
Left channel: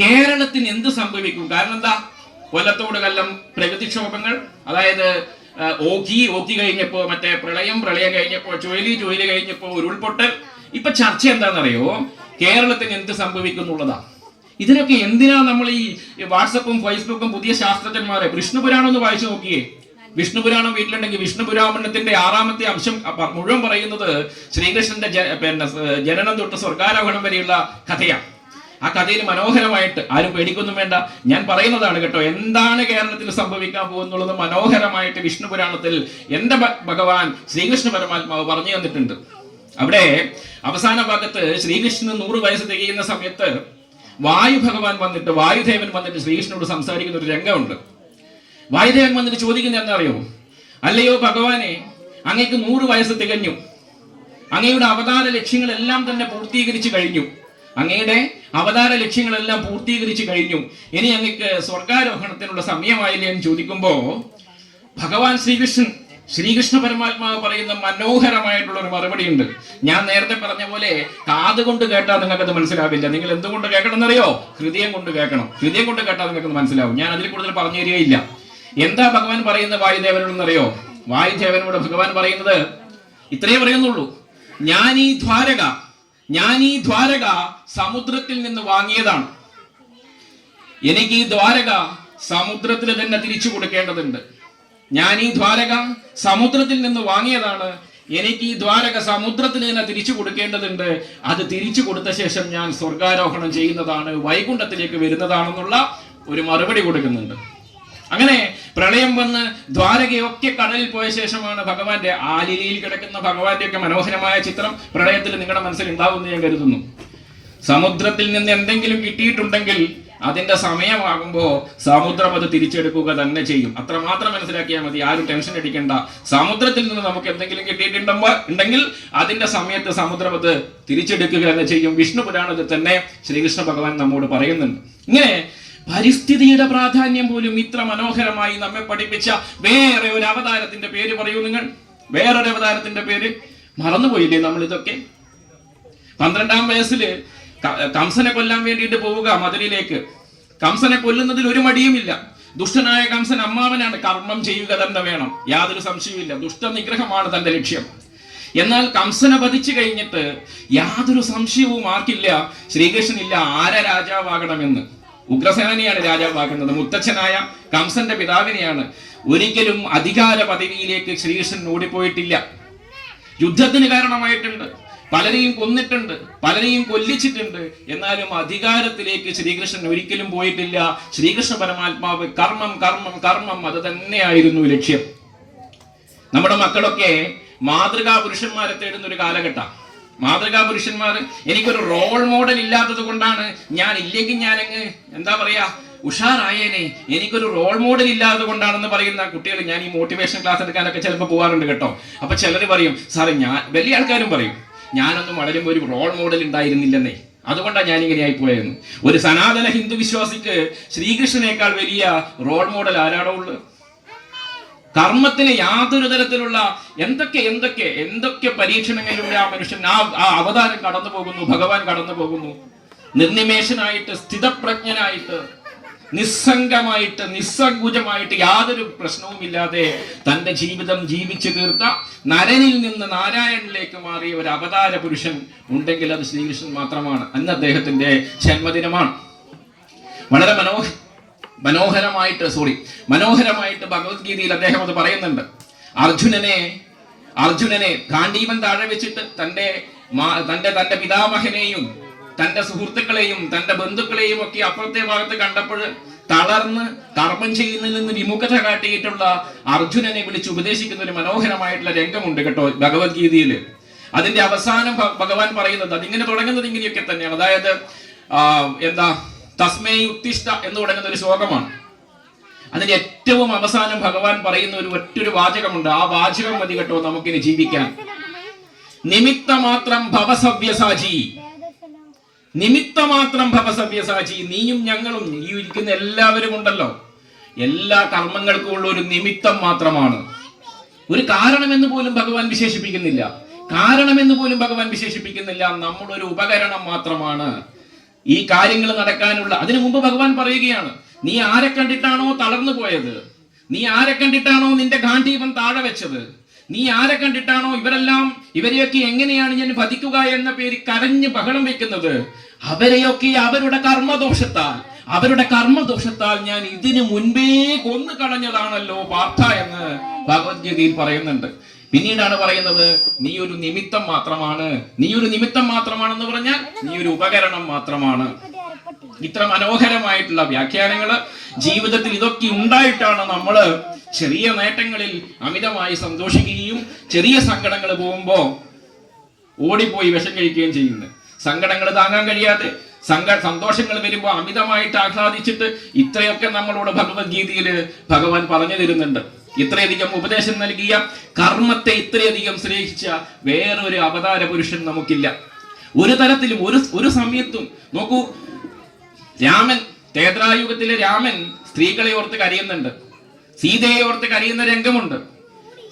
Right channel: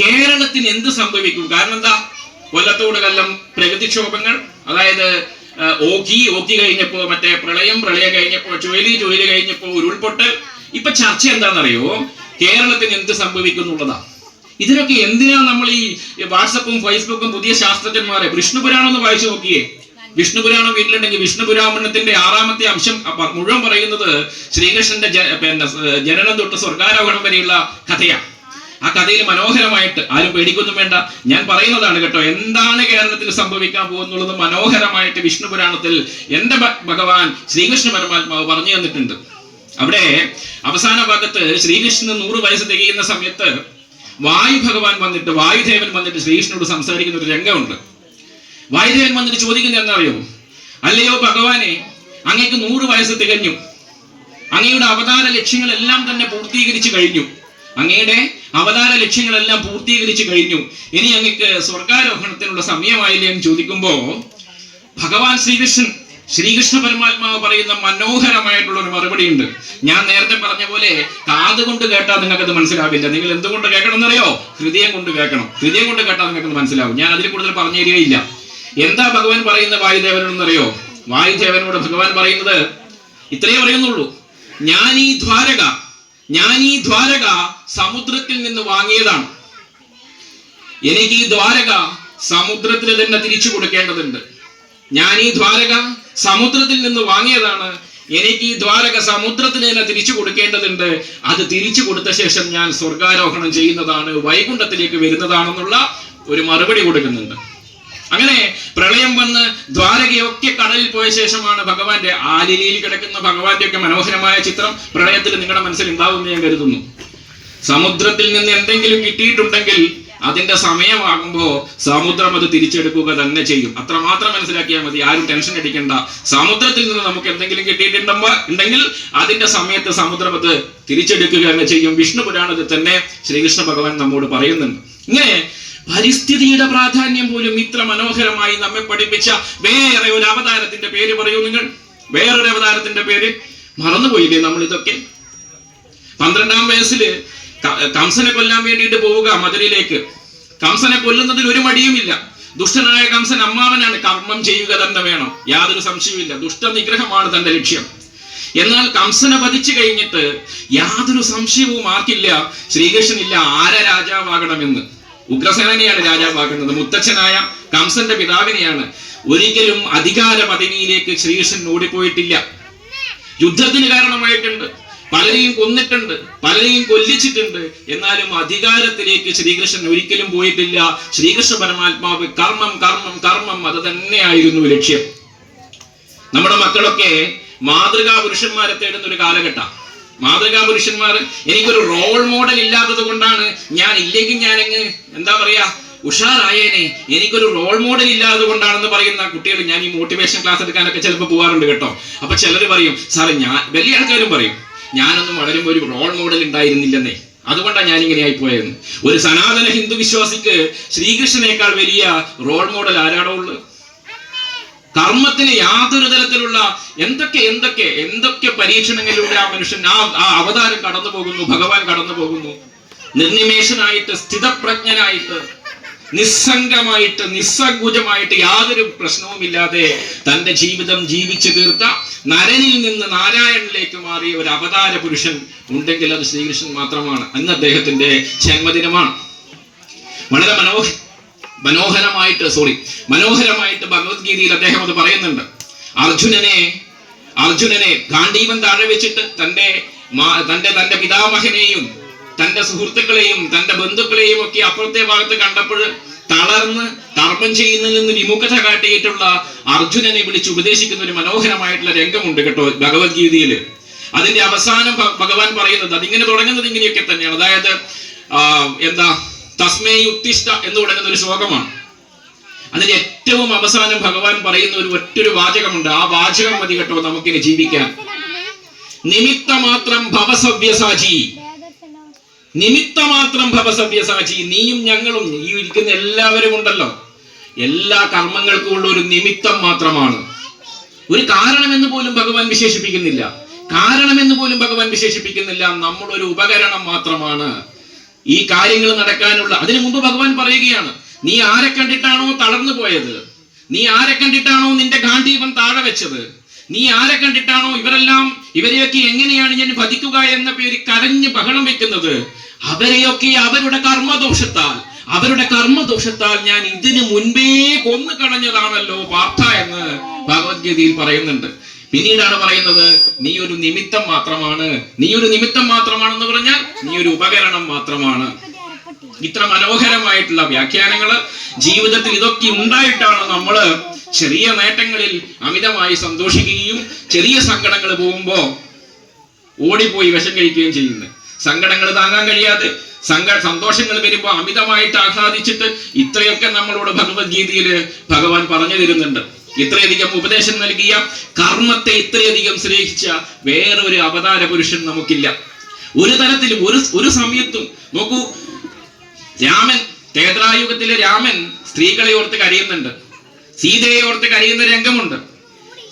കേരളത്തിന് എന്ത് സംഭവിക്കും? കാരണം എന്താ? കൊല്ലത്തോട് കൊല്ലം പ്രകൃതിക്ഷോഭങ്ങൾ, അതായത് ഓഖി കഴിഞ്ഞപ്പോ, മറ്റേ പ്രളയം കഴിഞ്ഞപ്പോ, ചുഴലി കഴിഞ്ഞപ്പോ, ഉരുൾപൊട്ടൽ. ഇപ്പൊ ചർച്ച എന്താണെന്നറിയോ? കേരളത്തിന് എന്ത് സംഭവിക്കും എന്നുള്ളതാ. ഇതിനൊക്കെ എന്തിനാ നമ്മൾ ഈ വാട്സപ്പും ഫേസ്ബുക്കും? പുതിയ ശാസ്ത്രജ്ഞന്മാരെ വിഷ്ണുപുരാണം ഒന്ന് വായിച്ചു നോക്കിയേ. വിഷ്ണുപുരാണം വീട്ടിലുണ്ടെങ്കിൽ വിഷ്ണുപുരാണത്തിന്റെ 6ാമത്തെ അംശം മുഴുവൻ പറയുന്നത് ശ്രീകൃഷ്ണന്റെ ജനനം തൊട്ട് സ്വർഗാരോഹണം വരെയുള്ള കഥയാണ്. ആ കഥയിൽ മനോഹരമായിട്ട്, ആരും പേടിക്കൊന്നും വേണ്ട, ഞാൻ പറയുന്നതാണ് കേട്ടോ, എന്താണ് കേരളത്തിൽ സംഭവിക്കാൻ പോകുന്നുള്ളത് മനോഹരമായിട്ട് വിഷ്ണുപുരാണത്തിൽ എന്റെ ഭഗവാൻ ശ്രീകൃഷ്ണ പരമാത്മാവ് പറഞ്ഞു തന്നിട്ടുണ്ട്. അവിടെ അവസാന ഭാഗത്ത് ശ്രീകൃഷ്ണന് 100 വയസ്സ് തികയുന്ന സമയത്ത് വായുദേവൻ വന്നിട്ട് ശ്രീകൃഷ്ണനോട് സംസാരിക്കുന്ന ഒരു രംഗമുണ്ട്. വായുദേവൻ വന്നിട്ട് ചോദിക്കുന്നത് എന്താ? അല്ലയോ ഭഗവാനെ, അങ്ങേക്ക് 100 വയസ്സ് തികഞ്ഞു, അങ്ങയുടെ അവതാര ലക്ഷ്യങ്ങളെല്ലാം തന്നെ പൂർത്തീകരിച്ചു കഴിഞ്ഞു, ഇനി അങ്ങക്ക് സ്വർഗാരോഹണത്തിനുള്ള സമയമായില്ലേ എന്ന് ചോദിക്കുമ്പോ ഭഗവാൻ ശ്രീകൃഷ്ണൻ ശ്രീകൃഷ്ണ പരമാത്മാവ് പറയുന്ന മനോഹരമായിട്ടുള്ള ഒരു മറുപടി ഉണ്ട്. ഞാൻ നേരത്തെ പറഞ്ഞ പോലെ കാതുകൊണ്ട് കേട്ടാൽ നിങ്ങൾക്കത് മനസ്സിലാവില്ല. നിങ്ങൾ എന്തുകൊണ്ട് കേൾക്കണം എന്നറിയോ? ഹൃദയം കൊണ്ട് കേൾക്കണം. ഹൃദയം കൊണ്ട് കേട്ടാൽ നിങ്ങൾക്ക് മനസ്സിലാവും. ഞാൻ അതിൽ കൂടുതൽ പറഞ്ഞു തരികയില്ല. എന്താ ഭഗവാൻ പറയുന്ന വായുദേവനോടെന്നറിയോ? വായുദേവനോട് ഭഗവാൻ പറയുന്നത് ഇത്രയേ പറയുന്നുള്ളൂ, ഞാൻ ഈ ദ്വാരക സമുദ്രത്തിൽ നിന്ന് വാങ്ങിയതാണ്. എനിക്ക് ഈ ദ്വാരക സമുദ്രത്തിൽ തന്നെ തിരിച്ചു കൊടുക്കേണ്ടതുണ്ട്. ഞാൻ ഈ ദ്വാരക സമുദ്രത്തിൽ നിന്ന് വാങ്ങിയതാണ്. എനിക്ക് ഈ ദ്വാരക സമുദ്രത്തിൽ തന്നെ തിരിച്ചു കൊടുക്കേണ്ടതുണ്ട്. അത് തിരിച്ചു കൊടുത്ത ശേഷം ഞാൻ സ്വർഗാരോഹണം ചെയ്യുന്നതാണ്, വൈകുണ്ഠത്തിലേക്ക് വരുന്നതാണെന്നുള്ള ഒരു മറുപടി കൊടുക്കുന്നുണ്ട്. അങ്ങനെ പ്രളയം വന്ന് ദ്വാരകയൊക്കെ കടലിൽ പോയ ശേഷമാണ് ഭഗവാന്റെ ആലിലയിൽ കിടക്കുന്ന ഭഗവാന്റെ ഒക്കെ മനോഹരമായ ചിത്രം പ്രളയത്തിൽ നിങ്ങളുടെ മനസ്സിൽ ഉണ്ടാവുമെന്ന് ഞാൻ കരുതുന്നു. സമുദ്രത്തിൽ നിന്ന് എന്തെങ്കിലും കിട്ടിയിട്ടുണ്ടെങ്കിൽ അതിന്റെ സമയമാകുമ്പോ സമുദ്രം അത് തിരിച്ചെടുക്കുക തന്നെ ചെയ്യും. അത്രമാത്രം മനസ്സിലാക്കിയാൽ മതി. ആരും ടെൻഷൻ അടിക്കണ്ട. സമുദ്രത്തിൽ നിന്ന് നമുക്ക് എന്തെങ്കിലും കിട്ടിയിട്ടുണ്ടെങ്കിൽ അതിന്റെ സമയത്ത് സമുദ്രം അത് തിരിച്ചെടുക്കുക തന്നെ ചെയ്യും. വിഷ്ണു പുരാണത്തിൽ തന്നെ ശ്രീകൃഷ്ണ ഭഗവാൻ നമ്മോട് പറയുന്നുണ്ട്. ഇങ്ങനെ പരിസ്ഥിതിയുടെ പ്രാധാന്യം പോലും ഇത്ര മനോഹരമായി നമ്മെ പഠിപ്പിച്ച വേറെ ഒരു അവതാരത്തിന്റെ പേര് പറയൂ നിങ്ങൾ. വേറൊരു അവതാരത്തിന്റെ പേര് മറന്നുപോയില്ലേ നമ്മൾ? ഇതൊക്കെ 12-ാം വയസ്സില് കംസനെ കൊല്ലാൻ വേണ്ടിയിട്ട് പോവുക മധുരയിലേക്ക്. കംസനെ കൊല്ലുന്നതിൽ ഒരു മടിയുമില്ല. ദുഷ്ടനായ കംസൻ അമ്മാവനാണ്. കർമ്മം ചെയ്യുക തന്നെ വേണം, യാതൊരു സംശയവുമില്ല. ദുഷ്ടനിഗ്രഹമാണ് തന്റെ ലക്ഷ്യം. എന്നാൽ കംസനെ വധിച്ചു കഴിഞ്ഞിട്ട് യാതൊരു സംശയവും ആർക്കില്ല, ശ്രീകൃഷ്ണനില്ല ആരെ രാജാവാകണമെന്ന്. ഉഗ്രസേനനെയാണ് രാജാവാക്കുന്നത്, മുത്തച്ഛനായ കംസന്റെ പിതാവിനെയാണ്. ഒരിക്കലും അധികാര പദവിയിലേക്ക് ശ്രീകൃഷ്ണൻ ഓടിപ്പോയിട്ടില്ല. യുദ്ധത്തിന് കാരണമായിട്ടുണ്ട്, പലരെയും കൊന്നിട്ടുണ്ട്, പലരെയും കൊല്ലിച്ചിട്ടുണ്ട്. എന്നാലും അധികാരത്തിലേക്ക് ശ്രീകൃഷ്ണൻ ഒരിക്കലും പോയിട്ടില്ല. ശ്രീകൃഷ്ണ പരമാത്മാവ് കർമ്മം കർമ്മം കർമ്മം, അത് തന്നെയായിരുന്നു ലക്ഷ്യം. നമ്മുടെ മക്കളൊക്കെ മാതൃകാ പുരുഷന്മാരെ തേടുന്ന ഒരു കാലഘട്ടം. മാതൃകാ പുരുഷന്മാർ, എനിക്കൊരു റോൾ മോഡൽ ഇല്ലാത്തത് കൊണ്ടാണ് ഞാൻ ഇല്ലെങ്കിൽ ഞാനങ്ങ് എന്താ പറയാ ഉഷാറായേനെ, എനിക്കൊരു റോൾ മോഡൽ ഇല്ലാത്തത് കൊണ്ടാണെന്ന് പറയുന്ന കുട്ടികൾ ഞാൻ ഈ മോട്ടിവേഷൻ ക്ലാസ് എടുക്കാനൊക്കെ ചിലപ്പോൾ പോകാറുണ്ട് കേട്ടോ. അപ്പൊ ചിലർ പറയും, സാറേ ഞാൻ, വലിയ ആൾക്കാരും പറയും, ഞാനൊന്നും വളരുമ്പോൾ ഒരു റോൾ മോഡൽ ഉണ്ടായിരുന്നില്ലെന്നേ, അതുകൊണ്ടാണ് ഞാൻ ഇങ്ങനെ ആയിപ്പോയെന്ന്. ഒരു സനാതന ഹിന്ദു വിശ്വാസിക്ക് ശ്രീകൃഷ്ണനേക്കാൾ വലിയ റോൾ മോഡൽ ആരാണോ ഉള്ളത്? കർമ്മത്തിന് യാതൊരു തരത്തിലുള്ള എന്തൊക്കെ പരീക്ഷണങ്ങളിലൂടെ ആ മനുഷ്യൻ ആ അവതാരം കടന്നു പോകുന്നു, ഭഗവാൻ കടന്നു പോകുന്നു. നിർനിമേഷനായിട്ട്, സ്ഥിതപ്രജ്ഞനായിട്ട്, നിസ്സംഗമായിട്ട്, നിസ്സങ്കുചമായിട്ട്, യാതൊരു പ്രശ്നവുമില്ലാതെ തന്റെ ജീവിതം ജീവിച്ചു തീർത്ത, നരനിൽ നിന്ന് നാരായണനിലേക്ക് മാറിയ ഒരു അവതാര പുരുഷൻ ഉണ്ടെങ്കിൽ അത് ശ്രീകൃഷ്ണൻ മാത്രമാണ്. അന്ന് അദ്ദേഹത്തിന്റെ ജന്മദിനമാണ്. വളരെ മനോഹരമായിട്ട് ഭഗവത്ഗീതയിൽ അദ്ദേഹം അത് പറയുന്നുണ്ട്. അർജുനനെ ഗാന്ധീവൻ താഴെ വെച്ചിട്ട് തന്റെ പിതാമഹനെയും തന്റെ സുഹൃത്തുക്കളെയും തന്റെ ബന്ധുക്കളെയും ഒക്കെ അപ്പുറത്തെ ഭാഗത്ത് കണ്ടപ്പോൾ തളർന്ന് കർമ്മം ചെയ്യുന്നതിൽ നിന്ന് വിമുഖത കാട്ടിയിട്ടുള്ള അർജുനനെ വിളിച്ച് ഉപദേശിക്കുന്ന ഒരു മനോഹരമായിട്ടുള്ള രംഗമുണ്ട് കേട്ടോ ഭഗവത്ഗീതയിൽ. അതിന്റെ അവസാനം ഭഗവാൻ പറയുന്നത് അതിങ്ങനെ തുടങ്ങുന്നത് ഇങ്ങനെയൊക്കെ തന്നെയാണ്. അതായത് തസ്മേ ഉത്തിഷ്ഠ എന്ന് തുടങ്ങുന്ന ഒരു ശ്ലോകമാണ്. അതിന്റെ ഏറ്റവും അവസാനം ഭഗവാൻ പറയുന്ന ഒറ്റൊരു വാചകമുണ്ട്. ആ വാചകം മതി കേട്ടോ നമുക്കിനി ജീവിക്കാൻ. നിമിത്തമാത്രം ഭവസവ്യസാചി, നിമിത്തമാത്രം ഭവസവ്യസാചി. നീയും ഞങ്ങളും, ഈ ഇരിക്കുന്ന എല്ലാവരും ഉണ്ടല്ലോ, എല്ലാ കർമ്മങ്ങൾക്കും ഉള്ള ഒരു നിമിത്തം മാത്രമാണ്. ഒരു കാരണമെന്ന് പോലും ഭഗവാൻ വിശേഷിപ്പിക്കുന്നില്ല. നമ്മളൊരു ഉപകരണം മാത്രമാണ് ഈ കാര്യങ്ങൾ നടക്കാനുള്ള. അതിനു മുമ്പ് ഭഗവാൻ പറയുകയാണ്, നീ ആരെ കണ്ടിട്ടാണോ തളർന്നു പോയത്, നീ ആരെ കണ്ടിട്ടാണോ നിന്റെ ഗാന്ധീവൻ താഴെ വെച്ചത്, നീ ആരെ കണ്ടിട്ടാണോ ഇവരെയൊക്കെ എങ്ങനെയാണ് ഞാൻ വധിക്കുക എന്ന പേര് കരഞ്ഞ് ബഹളം വെക്കുന്നത്, അവരെയൊക്കെ അവരുടെ കർമ്മദോഷത്താൽ ഞാൻ ഇതിനു മുൻപേ കൊന്നു കളഞ്ഞതാണല്ലോ പാർത്ഥ എന്ന് ഭഗവത്ഗീതയിൽ പറയുന്നുണ്ട്. പിന്നീടാണ് പറയുന്നത്, നീ ഒരു നിമിത്തം മാത്രമാണെന്ന് പറഞ്ഞാൽ നീ ഒരു ഉപകരണം മാത്രമാണ്. ഇത്ര മനോഹരമായിട്ടുള്ള വ്യാഖ്യാനങ്ങള് ജീവിതത്തിൽ ഇതൊക്കെ ഉണ്ടായിട്ടാണ് നമ്മള് ചെറിയ നേട്ടങ്ങളിൽ അമിതമായി സന്തോഷിക്കുകയും ചെറിയ സങ്കടങ്ങൾ പോകുമ്പോ ഓടിപ്പോയി വിഷം കഴിക്കുകയും ചെയ്യുന്നത്. സങ്കടങ്ങൾ താങ്ങാൻ കഴിയാതെ സന്തോഷങ്ങൾ വരുമ്പോ അമിതമായിട്ട് ആഹ്ലാദിച്ചിട്ട് ഇത്രയൊക്കെ നമ്മളോട് ഭഗവത്ഗീതയിൽ ഭഗവാൻ പറഞ്ഞു തരുന്നുണ്ട്. ഇത്രയധികം ഉപദേശം നൽകിയ, കർമ്മത്തെ ഇത്രയധികം സ്നേഹിച്ച വേറൊരു അവതാര പുരുഷൻ നമുക്കില്ല. ഒരു തരത്തിലും ഒരു സമയത്തും നോക്കൂ, ത്രേതായുഗത്തിലെ രാമൻ സ്ത്രീകളെ ഓർത്ത് കരയുന്നുണ്ട്, സീതയെ ഓർത്ത് കരയുന്ന രംഗമുണ്ട്.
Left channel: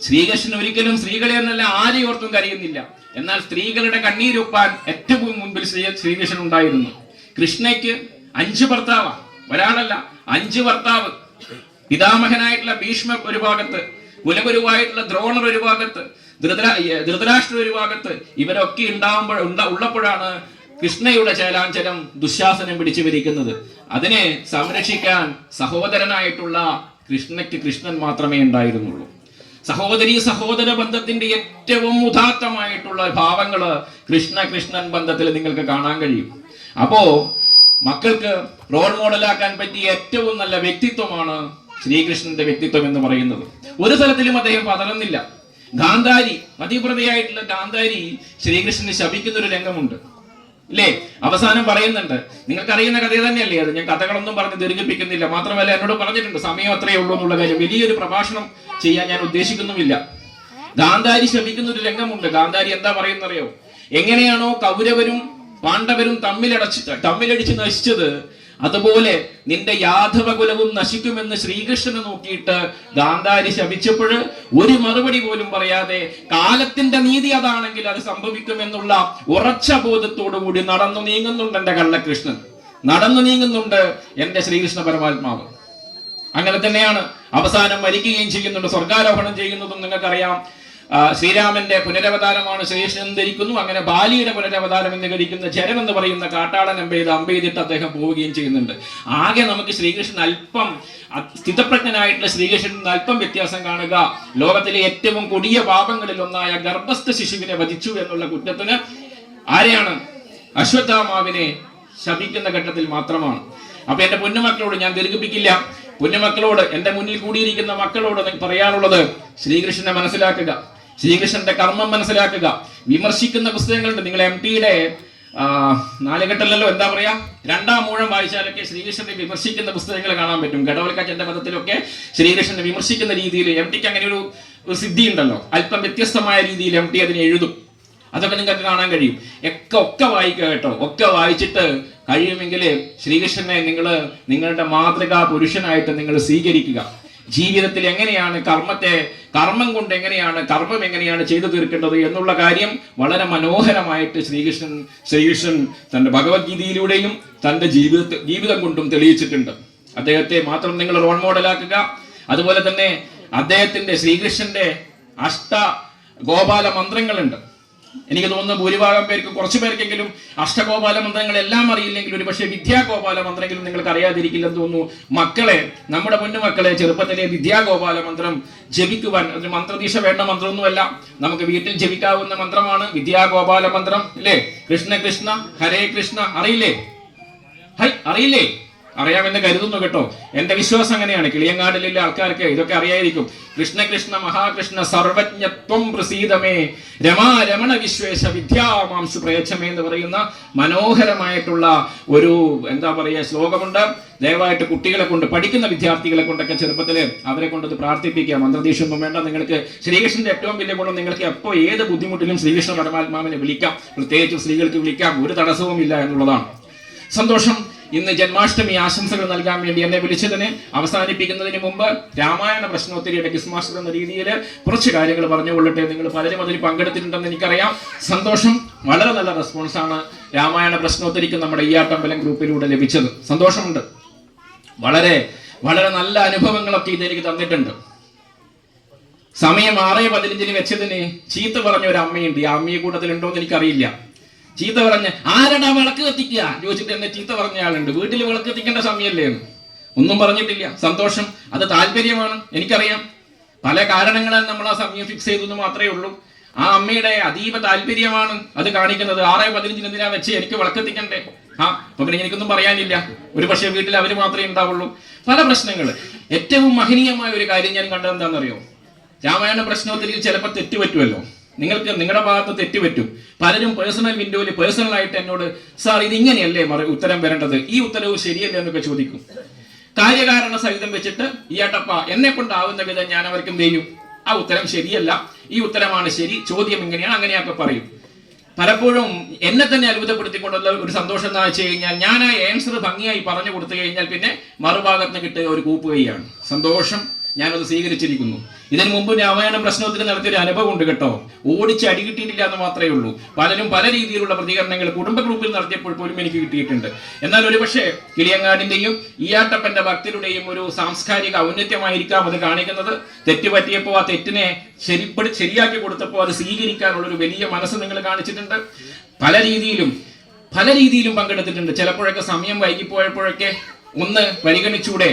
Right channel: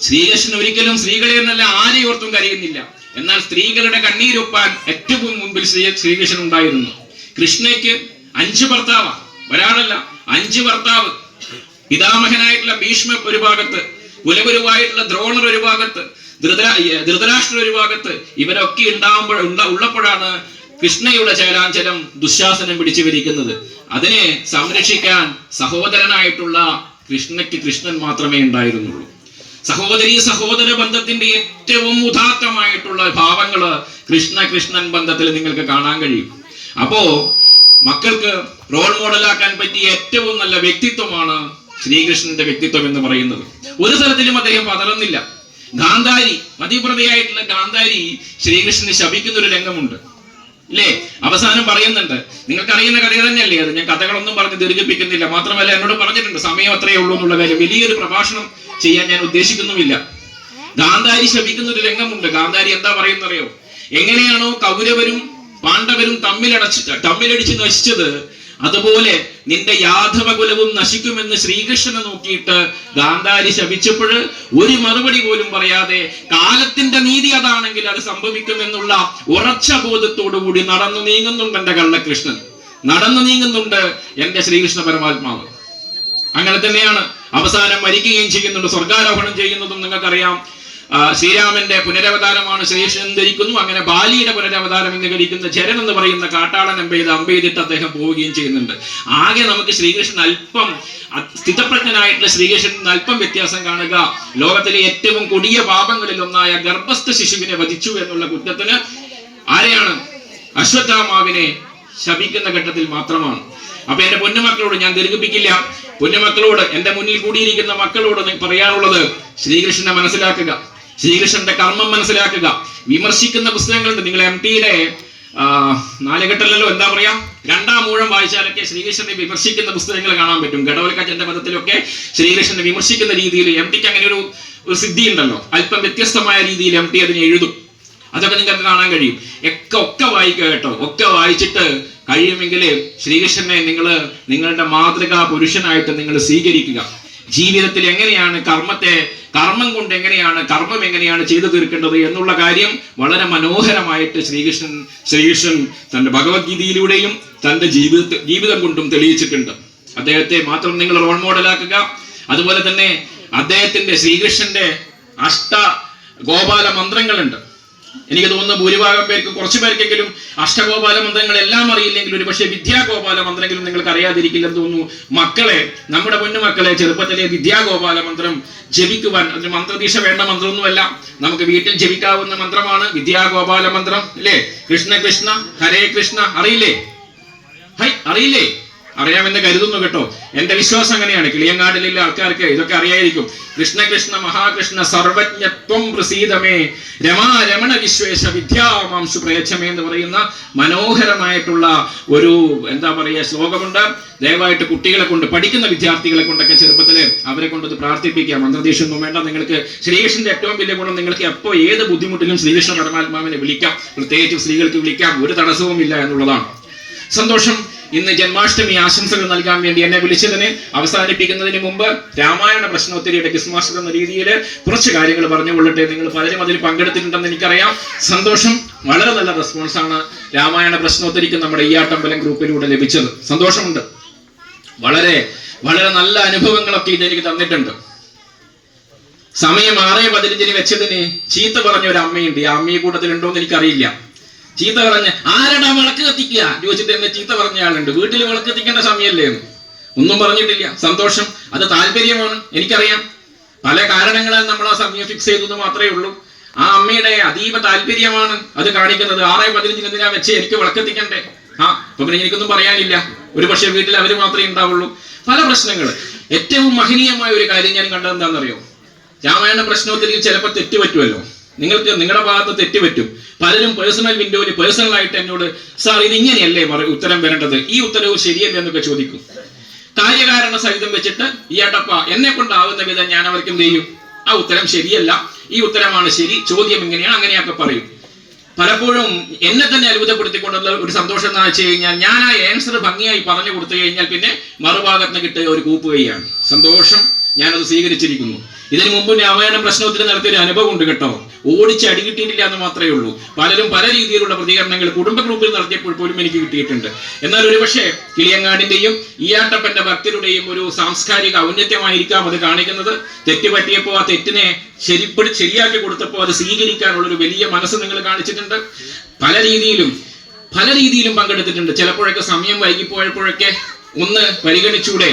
ശ്രീകൃഷ്ണൻ ഒരിക്കലും സ്ത്രീകളെ എന്നല്ല ആരെയും ഓർത്തും കരയുന്നില്ല. എന്നാൽ സ്ത്രീകളുടെ കണ്ണീരൊപ്പാൻ ഏറ്റവും മുൻപിൽ ശ്രീകൃഷ്ണൻ ഉണ്ടായിരുന്നു. കൃഷ്ണയ്ക്ക് 5 ഭർത്താവ്, ഒരാളല്ല 5 ഭർത്താവ്. പിതാമഹനായിട്ടുള്ള ഭീഷ്മർ ഒരു ഭാഗത്ത്, കുലഗുരുവായിട്ടുള്ള ദ്രോണർ ഒരു ഭാഗത്ത്, ധൃതരാഷ്ട്രർ ഒരു ഭാഗത്ത്. ഇവരൊക്കെ ഉള്ളപ്പോഴാണ് കൃഷ്ണയുടെ ചേലാഞ്ചലം ദുശാസനം പിടിച്ചു വരിക്കുന്നത്. അതിനെ സംരക്ഷിക്കാൻ സഹോദരനായിട്ടുള്ള കൃഷ്ണയ്ക്ക് കൃഷ്ണൻ മാത്രമേ ഉണ്ടായിരുന്നുള്ളൂ. സഹോദര ബന്ധത്തിന്റെ ഏറ്റവും ഉദാത്തമായിട്ടുള്ള ഭാവങ്ങള് കൃഷ്ണൻ ബന്ധത്തിൽ നിങ്ങൾക്ക് കാണാൻ കഴിയും. അപ്പോ മക്കൾക്ക് റോൾ മോഡലാക്കാൻ പറ്റിയ ഏറ്റവും നല്ല വ്യക്തിത്വമാണ് ശ്രീകൃഷ്ണന്റെ വ്യക്തിത്വം എന്ന് പറയുന്നത്. ഒരു തരത്തിലും അദ്ദേഹം പതറുന്നില്ല. ഗാന്ധാരി, മധ്യപ്രതിയായിട്ടുള്ള ഗാന്ധാരി ശ്രീകൃഷ്ണനെ ശപിക്കുന്ന ഒരു രംഗമുണ്ട്, ഇല്ലേ? അവസാനം പറയുന്നുണ്ട്, നിങ്ങൾക്കറിയുന്ന കഥ തന്നെയല്ലേ അത്, ഞാൻ കഥകളൊന്നും പറഞ്ഞ് ദീർഘിപ്പിക്കുന്നില്ല. മാത്രമല്ല എന്നോട് പറഞ്ഞിട്ടുണ്ട് സമയം അത്രയേ ഉള്ളൂ എന്നുള്ള കാര്യം. വലിയൊരു പ്രഭാഷണം ചെയ്യാൻ ഞാൻ ഉദ്ദേശിക്കുന്നുമില്ല. ഗാന്ധാരി ശപിക്കുന്ന ഒരു രംഗമുണ്ട്. ഗാന്ധാരി എന്താ പറയുന്നറിയോ? എങ്ങനെയാണോ കൗരവരും പാണ്ഡവരും തമ്മിലടിച്ച് നശിച്ചത്, അതുപോലെ നിന്റെ യാദവകുലവും നശിക്കുമെന്ന് ശ്രീകൃഷ്ണനെ നോക്കിയിട്ട് ഗാന്ധാരി ശപിച്ചപ്പോൾ ഒരു മറുപടി പോലും പറയാതെ കാലത്തിന്റെ നീതി അതാണെങ്കിൽ അത് സംഭവിക്കുമെന്നുള്ള ഉറച്ച ബോധത്തോടു കൂടി നടന്നു നീങ്ങുന്നുണ്ട് എന്റെ കള്ളകൃഷ്ണൻ, നടന്നു നീങ്ങുന്നുണ്ട് എന്റെ ശ്രീകൃഷ്ണ പരമാത്മാവ്. അങ്ങനെ തന്നെയാണ് അവസാനം മരിക്കുകയും ചെയ്യുന്നുണ്ട്, സ്വർഗാരോഹണം ചെയ്യുന്നതും നിങ്ങൾക്കറിയാം. ശ്രീരാമന്റെ പുനരവതാരമാണ് ശ്രീകൃഷ്ണൻ ധരിക്കുന്നു. അങ്ങനെ ബാലിയുടെ പുനരവതാരം എന്ന് ധരിക്കുന്ന ചരൻ എന്ന് പറയുന്ന കാട്ടാളൻ അമ്പെയ്തിട്ട് അദ്ദേഹം പോവുകയും ചെയ്യുന്നുണ്ട്. ആകെ നമുക്ക് ശ്രീകൃഷ്ണൻ അല്പം സ്ഥിതപ്രജ്ഞനായിട്ടുള്ള ശ്രീകൃഷ്ണൻ അല്പം വ്യത്യാസം കാണുക. ലോകത്തിലെ ഏറ്റവും കൊടിയ പാപങ്ങളിൽ ഒന്നായ ഗർഭസ്ഥ ശിശുവിനെ വധിച്ചു എന്നുള്ള കുറ്റത്തിന് ആരെയാണ്? അശ്വത്ഥാമാവിനെ ശപിക്കുന്ന ഘട്ടത്തിൽ മാത്രമാണ്. അപ്പൊ എന്റെ പൊന്നുമക്കളോട് ഞാൻ ദീർഘിപ്പിക്കില്ല. പൊന്നുമക്കളോട്, എന്റെ മുന്നിൽ കൂടിയിരിക്കുന്ന മക്കളോട് പറയാനുള്ളത്, ശ്രീകൃഷ്ണനെ മനസ്സിലാക്കുക, ശ്രീകൃഷ്ണന്റെ കർമ്മം മനസ്സിലാക്കുക. വിമർശിക്കുന്ന പുസ്തകങ്ങളുണ്ട്. നിങ്ങൾ MTയുടെ 4 ഘട്ടമല്ലോ, എന്താ പറയാ, 2ാം ഊഴം വായിച്ചാലൊക്കെ ശ്രീകൃഷ്ണനെ വിമർശിക്കുന്ന പുസ്തകങ്ങൾ കാണാൻ പറ്റും. ഘടോൽക്കച്ചന്റെ പദത്തിലൊക്കെ ശ്രീകൃഷ്ണനെ വിമർശിക്കുന്ന രീതിയിൽ MTക്ക് അങ്ങനെ ഒരു സിദ്ധി ഉണ്ടല്ലോ. അല്പം വ്യത്യസ്തമായ രീതിയിൽ MT അതിനെ എഴുതും. അതൊക്കെ നിങ്ങൾക്ക് കാണാൻ കഴിയും. ഒക്കെ വായിക്കുക കേട്ടോ. ഒക്കെ വായിച്ചിട്ട് കഴിയുമെങ്കിൽ ശ്രീകൃഷ്ണനെ നിങ്ങളുടെ മാതൃകാ പുരുഷനായിട്ട് നിങ്ങൾ സ്വീകരിക്കുക. ജീവിതത്തിൽ എങ്ങനെയാണ് കർമ്മം കൊണ്ട് കർമ്മം എങ്ങനെയാണ് ചെയ്തു തീർക്കേണ്ടത് എന്നുള്ള കാര്യം വളരെ മനോഹരമായിട്ട് ശ്രീകൃഷ്ണൻ തന്റെ ഭഗവത്ഗീതയിലൂടെയും തന്റെ ജീവിതം കൊണ്ടും തെളിയിച്ചിട്ടുണ്ട്. അദ്ദേഹത്തെ മാത്രം നിങ്ങൾ റോൾ മോഡലാക്കുക. അതുപോലെ തന്നെ അദ്ദേഹത്തിന്റെ ശ്രീകൃഷ്ണന്റെ അഷ്ടഗോപാല മന്ത്രങ്ങളുണ്ട്. എനിക്ക് തോന്നുന്നു ഭൂരിഭാഗം പേർക്ക്, കുറച്ചു പേർക്കെങ്കിലും അഷ്ടഗോപാല മന്ത്രങ്ങൾ എല്ലാം അറിയില്ലെങ്കിൽ ഒരു പക്ഷേ വിദ്യാഗോപാല മന്ത്രമെങ്കിലും നിങ്ങൾക്ക് അറിയാതിരിക്കില്ലെന്ന് തോന്നുന്നു. മക്കളെ, നമ്മുടെ പൊന്നുമക്കളെ ചെറുപ്പത്തിലെ വിദ്യാഗോപാല മന്ത്രം ജപിക്കുവാൻ, അതിന് മന്ത്രദീക്ഷ വേണ്ട മന്ത്രമൊന്നുമല്ല, നമുക്ക് വീട്ടിൽ ജപിക്കാവുന്ന മന്ത്രമാണ് വിദ്യാഗോപാല മന്ത്രം, അല്ലേ? കൃഷ്ണ കൃഷ്ണ ഹരേ കൃഷ്ണ. അറിയില്ലേ? അറിയില്ലേ? അറിയാമെന്ന് കരുതുന്നു കേട്ടോ. എന്റെ വിശ്വാസം അങ്ങനെയാണ്. കിളിയങ്ങാടിലെ ആൾക്കാർക്ക് ഇതൊക്കെ അറിയായിരിക്കും. കൃഷ്ണ കൃഷ്ണ മഹാകൃഷ്ണ സർവജ്ഞത്വം പ്രസീദമേ രമാ രമണ വിശ്വേശ വിദ്യാമാംശു പ്രയച്ഛമേ എന്ന് പറയുന്ന മനോഹരമായിട്ടുള്ള ഒരു ശ്ലോകമുണ്ട്. ദയവായിട്ട് കുട്ടികളെ കൊണ്ട്, പഠിക്കുന്ന വിദ്യാർത്ഥികളെ കൊണ്ടൊക്കെ ചെറുപ്പത്തില് അവരെ കൊണ്ടത് പ്രാർത്ഥിപ്പിക്കുക. മന്ത്രദീക്ഷയൊന്നും വേണ്ട. നിങ്ങൾക്ക് ശ്രീകൃഷ്ണന്റെ ഏറ്റവും വലിയ ഗുണം, നിങ്ങൾക്ക് എപ്പോൾ ഏത് ബുദ്ധിമുട്ടിലും ശ്രീകൃഷ്ണ പരമാത്മാവിനെ വിളിക്കാം. പ്രത്യേകിച്ച് സ്ത്രീകൾക്ക് വിളിക്കാം, ഒരു തടസ്സവും ഇല്ല എന്നുള്ളതാണ്. സന്തോഷം. ഇന്ന് ജന്മാഷ്ടമി ആശംസകൾ നൽകാൻ വേണ്ടി എന്നെ വിളിച്ചതിന് അവസാനിപ്പിക്കുന്നതിന് മുമ്പ് രാമായണ പ്രശ്നോത്തരിയുടെ ക്വിസ് മാസ്റ്റർ എന്ന രീതിയിൽ കുറച്ച് കാര്യങ്ങൾ പറഞ്ഞുകൊള്ളട്ടെ. നിങ്ങൾ പലരും അതിൽ പങ്കെടുത്തിട്ടുണ്ടെന്ന് എനിക്കറിയാം. സന്തോഷം. വളരെ നല്ല റെസ്പോൺസാണ് രാമായണ പ്രശ്നോത്തരിക്ക് നമ്മുടെ ഈയാട്ടമ്പലം ഗ്രൂപ്പിലൂടെ ലഭിച്ചത്. സന്തോഷമുണ്ട്. വളരെ വളരെ നല്ല അനുഭവങ്ങളൊക്കെ ഇതെനിക്ക് തന്നിട്ടുണ്ട്. സമയം 6:15 വെച്ചതിന് ചീത്ത പറഞ്ഞ ഒരു അമ്മയുണ്ട്. ഈ അമ്മയെ കൂട്ടത്തിലുണ്ടോ എന്ന് എനിക്കറിയില്ല. ചീത്ത പറഞ്ഞ്, ആരടാ വിളക്ക് കത്തിക്കുക ചോദിച്ചിട്ട് എന്നെ ചീത്ത പറഞ്ഞ ആളുണ്ട്. വീട്ടിൽ വിളക്ക് കത്തിക്കേണ്ട സമയമല്ലേ എന്ന് ഒന്നും പറഞ്ഞിട്ടില്ല. സന്തോഷം. അത് താല്പര്യമാണ്, എനിക്കറിയാം. പല കാരണങ്ങളാൽ നമ്മൾ ആ സമയം ഫിക്സ് ചെയ്തത് മാത്രമേ ഉള്ളൂ. ആ അമ്മയുടെ അതീവ താല്പര്യമാണ് അത് കാണിക്കുന്നത്. 6:15 എന്തിനാ വെച്ച് എനിക്ക് വിളക്കെത്തിക്കണ്ടേ? അപ്പൊ പിന്നെ എനിക്കൊന്നും പറയാനില്ല. ഒരു പക്ഷേ വീട്ടിൽ അവര് മാത്രമേ ഉണ്ടാവുള്ളൂ. പല പ്രശ്നങ്ങൾ. ഏറ്റവും മഹനീയമായ ഒരു കാര്യം ഞാൻ കണ്ടത് എന്താണെന്നറിയോ? രാമായണ പ്രശ്നോത്തരിയിൽ ചിലപ്പോൾ തെറ്റുപറ്റുമല്ലോ. നിങ്ങൾക്ക് നിങ്ങളുടെ ഭാഗത്ത് തെറ്റുപറ്റും. പലരും പേഴ്സണൽ വിൻഡോയിൽ പേഴ്സണലായിട്ട് എന്നോട്, സാർ ഇതിങ്ങനെയല്ലേ ഉത്തരം വരേണ്ടത്, ഈ ഉത്തരവ് ശരിയല്ലേ എന്നൊക്കെ ചോദിക്കും. കാര്യകാരണ സഹിതം വെച്ചിട്ട് ഈയാട്ടപ്പ എന്നെ കൊണ്ടാവുന്ന വിധം ഞാൻ അവർക്ക് എന്ത് ചെയ്യും? ആ ഉത്തരം ശരിയല്ല, ഈ ഉത്തരമാണ് ശരി, ചോദ്യം ഇങ്ങനെയാണ്, അങ്ങനെയൊക്കെ പറയും. പലപ്പോഴും എന്നെ തന്നെ അത്ഭുതപ്പെടുത്തിക്കൊണ്ടുള്ള ഒരു സന്തോഷം എന്താ വെച്ച് കഴിഞ്ഞാൽ, ഞാൻ ആ ആൻസർ ഭംഗിയായി പറഞ്ഞു കൊടുത്തു കഴിഞ്ഞാൽ പിന്നെ മറുഭാഗത്തിന് കിട്ടിയ ഒരു കൂപ്പുകയാണ്. സന്തോഷം. ഞാനത് സ്വീകരിച്ചിരിക്കുന്നു. ഇതിനു മുമ്പ് രാമായണം പ്രശ്നോത്തരം നടത്തിയൊരു അനുഭവം ഉണ്ട് കേട്ടോ. ഓടിച്ച് അടി കിട്ടിയിട്ടില്ല എന്ന് മാത്രമേ ഉള്ളൂ. പലരും പല രീതിയിലുള്ള പ്രതികരണങ്ങൾ കുടുംബ ഗ്രൂപ്പിൽ നടത്തിയപ്പോൾ പോലും എനിക്ക് കിട്ടിയിട്ടുണ്ട്. എന്നാൽ ഒരുപക്ഷെ കിളിയങ്ങാടിന്റെയും ഈയാട്ടപ്പന്റെ ഭക്തരുടെയും ഒരു സാംസ്കാരിക ഔന്നത്യമായിരിക്കാം അത് കാണിക്കുന്നത്. തെറ്റ് പറ്റിയപ്പോൾ ആ തെറ്റിനെ ശരിയാക്കി കൊടുത്തപ്പോൾ അത് സ്വീകരിക്കാനുള്ള ഒരു വലിയ മനസ്സ് നിങ്ങൾ കാണിച്ചിട്ടുണ്ട്. പല രീതിയിലും പങ്കെടുത്തിട്ടുണ്ട്. ചിലപ്പോഴൊക്കെ സമയം വൈകിപ്പോയപ്പോഴൊക്കെ ഒന്ന് പരിഗണിച്ചൂടെ?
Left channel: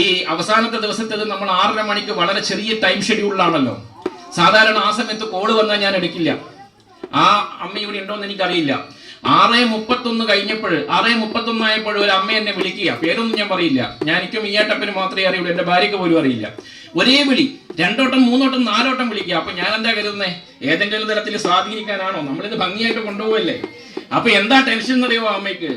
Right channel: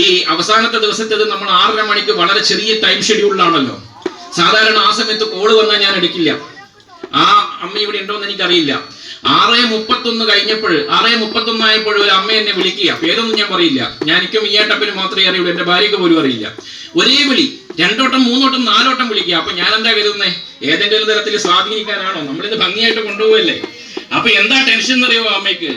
ഈ അവസാനത്തെ ദിവസത്തേത് നമ്മൾ 6:30 മണിക്ക് വളരെ ചെറിയ ടൈം ഷെഡ്യൂളിലാണല്ലോ. സാധാരണ ആ സമയത്ത് കോള് വന്നാൽ ഞാൻ എടുക്കില്ല. ആ അമ്മ ഇവിടെ ഉണ്ടോന്ന് എനിക്കറിയില്ല. 6:31 കഴിഞ്ഞപ്പോൾ 6:31 ആയപ്പോൾ ഒരു അമ്മ എന്നെ വിളിക്കുക. പേരൊന്നും ഞാൻ പറയില്ല. എനിക്കും ഈയാട്ടപ്പന് മാത്രമേ അറിയുള്ളൂ, എന്റെ ഭാര്യക്ക് പോലും അറിയില്ല. ഒരേ വിളി 2 വട്ടം 3 വട്ടം 4 വട്ടം വിളിക്കുക. അപ്പൊ ഞാൻ എന്താ കരുതുന്നേ, ഏതെങ്കിലും തരത്തിൽ സ്വാധീനിക്കാനാണോ? നമ്മളിത് ഭംഗിയായിട്ട് കൊണ്ടുപോകല്ലേ. അപ്പൊ എന്താ ടെൻഷൻ എന്നറിയോ അമ്മയ്ക്ക്?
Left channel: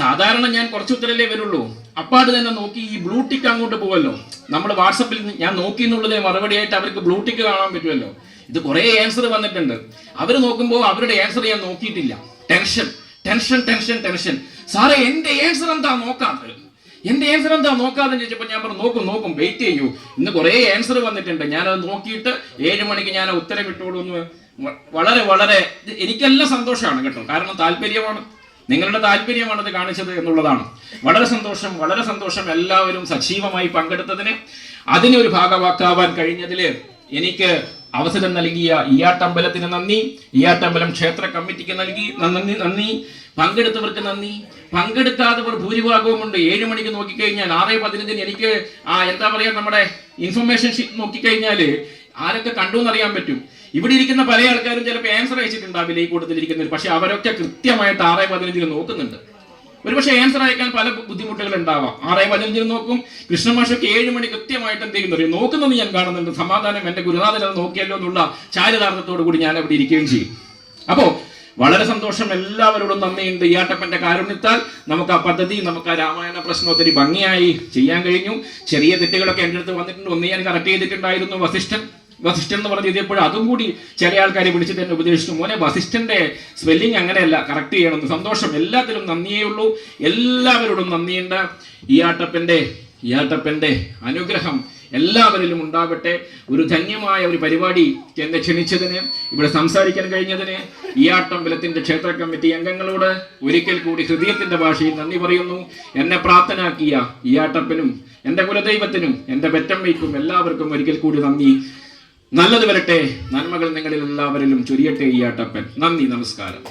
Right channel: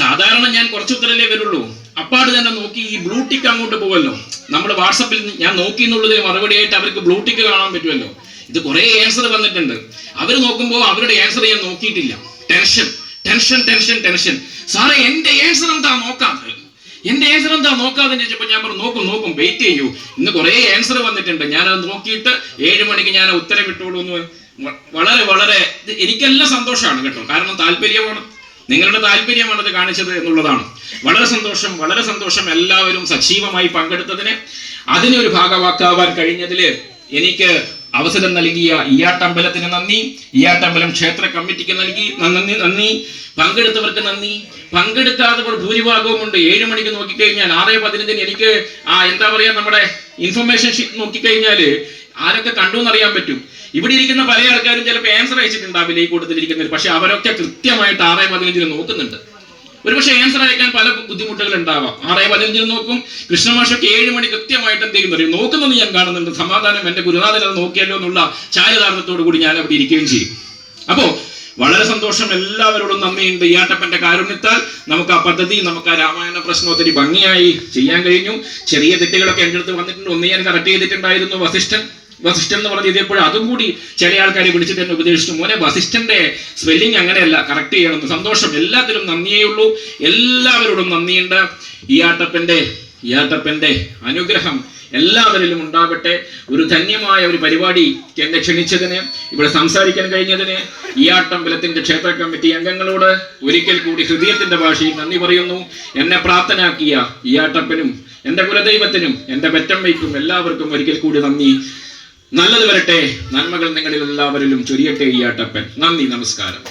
സാധാരണ ഞാൻ കുറച്ച് ഉത്തരല്ലേ വരുള്ളൂ. അപ്പാട് തന്നെ നോക്കി ഈ ബ്ലൂടിക്ക് അങ്ങോട്ട് പോവല്ലോ. നമ്മൾ വാട്സപ്പിൽ ഞാൻ നോക്കി എന്നുള്ളതിന് മറുപടിയായിട്ട് അവർക്ക് ബ്ലൂടിക്ക് കാണാൻ പറ്റുമല്ലോ. ഇത് കുറെ ആൻസർ വന്നിട്ടുണ്ട്. അവർ നോക്കുമ്പോൾ അവരുടെ ആൻസർ ഞാൻ നോക്കിയിട്ടില്ല. ടെൻഷൻ. സാറേ എന്റെ ആൻസർ എന്താ നോക്കാതെ ചോദിച്ചപ്പോൾ ഞാൻ പറഞ്ഞു നോക്കും വെയിറ്റ് ചെയ്യൂ. ഇന്ന് കുറെ ആൻസർ വന്നിട്ടുണ്ട്. ഞാനത് നോക്കിയിട്ട് 7 മണിക്ക് ഞാൻ ഉത്തരം ഇട്ടോളൂ എന്ന്. വളരെ എനിക്കെല്ലാം സന്തോഷമാണ് കേട്ടോ. കാരണം താല്പര്യമാണ്, നിങ്ങളുടെ താല്പര്യമാണ് ഇത് കാണിച്ചത് എന്നുള്ളതാണ്. വളരെ സന്തോഷം എല്ലാവരും സജീവമായി പങ്കെടുത്തതിന്. അതിനെ ഒരു ഭാഗവാക്കാവാൻ കഴിഞ്ഞതിൽ എനിക്ക് അവസരം നൽകിയ ഈയാട്ടമ്പലത്തിന് നന്ദി, ഈയാട്ടമ്പലം ക്ഷേത്ര കമ്മിറ്റിക്ക് നന്ദി, പങ്കെടുത്തവർക്ക് നന്ദി. പങ്കെടുക്കാത്തവർ ഭൂരിഭാഗവും ഉണ്ട്. 7 മണിക്ക് നോക്കിക്കഴിഞ്ഞാൽ 6:15 എനിക്ക് എന്താ പറയാ, നമ്മുടെ ഇൻഫർമേഷൻ ഷീറ്റ് നോക്കിക്കഴിഞ്ഞാൽ ആരൊക്കെ കണ്ടു എന്നറിയാൻ പറ്റും. ഇവിടെ ഇരിക്കുന്ന പല ആൾക്കാരും ചിലപ്പോൾ ആൻസർ അയച്ചിട്ടുണ്ടാവില്ല ഈ കൂട്ടത്തിലിരിക്കുന്നവർ. പക്ഷെ അവരൊക്കെ കൃത്യമായിട്ട് 6:15 നോക്കുന്നുണ്ട്. ഒരുപക്ഷെ ആൻസർ അയക്കാൻ പല ബുദ്ധിമുട്ടുകൾ ഉണ്ടാവാം. 6:15 നോക്കും. കൃഷ്ണമാഷൊക്കെ 7 മണി കൃത്യമായിട്ട് എന്തെങ്കിലും അറിയും നോക്കുന്നത് ഞാൻ കാണുന്നുണ്ട്. സമാധാനം, എന്റെ ഗുരുനാഥൻ അത് നോക്കിയല്ലോ എന്നുള്ള ചാരിതാർത്ഥത്തോടു കൂടി ഞാൻ അവിടെ ഇരിക്കുകയും ചെയ്യും. അപ്പോ വളരെ സന്തോഷം, എല്ലാവരോടും നന്ദിയുണ്ട്. ഈയാട്ടപ്പന്റെ കാരുണ്യത്താൽ നമുക്ക് ആ പദ്ധതി, നമുക്ക് ആ രാമായണ പ്രശ്നം ഒത്തിരി ഭംഗിയായി ചെയ്യാൻ കഴിഞ്ഞു. ചെറിയ തെറ്റുകളൊക്കെ എൻ്റെ അടുത്ത് വന്നിട്ടുണ്ട്. ഒന്ന് ഞാൻ കറക്റ്റ് ചെയ്തിട്ടുണ്ടായിരുന്നു. വസിഷ്ഠൻ എന്ന് പറഞ്ഞ് എഴുതിയപ്പോഴും അതും കൂടി ചില ആൾക്കാരെ വിളിച്ചിട്ട് എന്നെ ഉപദേശിച്ചു, മോനെ വസിഷ്ഠന്റെ സ്പെല്ലിംഗ് അങ്ങനെയല്ല, കറക്റ്റ് ചെയ്യണമെന്ന്. സന്തോഷം, എല്ലാത്തിലും നന്ദിയേ ഉള്ളൂ. എല്ലാവരോടും നന്ദിയുണ്ട്. ഈയാട്ടപ്പന്റെ അനുഗ്രഹം എല്ലാവരിലും ഉണ്ടാവട്ടെ. ഒരു ധന്യമായ ഒരു പരിപാടി എന്നെ ക്ഷണിച്ചതിന്, ഇവിടെ സംസാരിക്കാൻ കഴിഞ്ഞതിന് ഈയാട്ടമ്പലത്തിന്റെ ക്ഷേത്ര കമ്മിറ്റി അംഗങ്ങളോട് ഒരിക്കൽ കൂടി ഹൃദയത്തിന്റെ ഭാഷയിൽ നന്ദി പറയുന്നു. എന്നെ പ്രാർത്ഥനയാക്കിയ ഈയാട്ടപ്പനും എന്റെ കുലദൈവത്തിനും എന്റെ പെറ്റമ്മയ്ക്കും എല്ലാവർക്കും ഒരിക്കൽ കൂടി നന്ദി. നല്ലത് വരട്ടെ, നന്മകൾ നിങ്ങളിൽ എല്ലാവരിലും ചൊരിയട്ടെ ഈയാട്ടപ്പൻ. നന്ദി, നമസ്കാരം.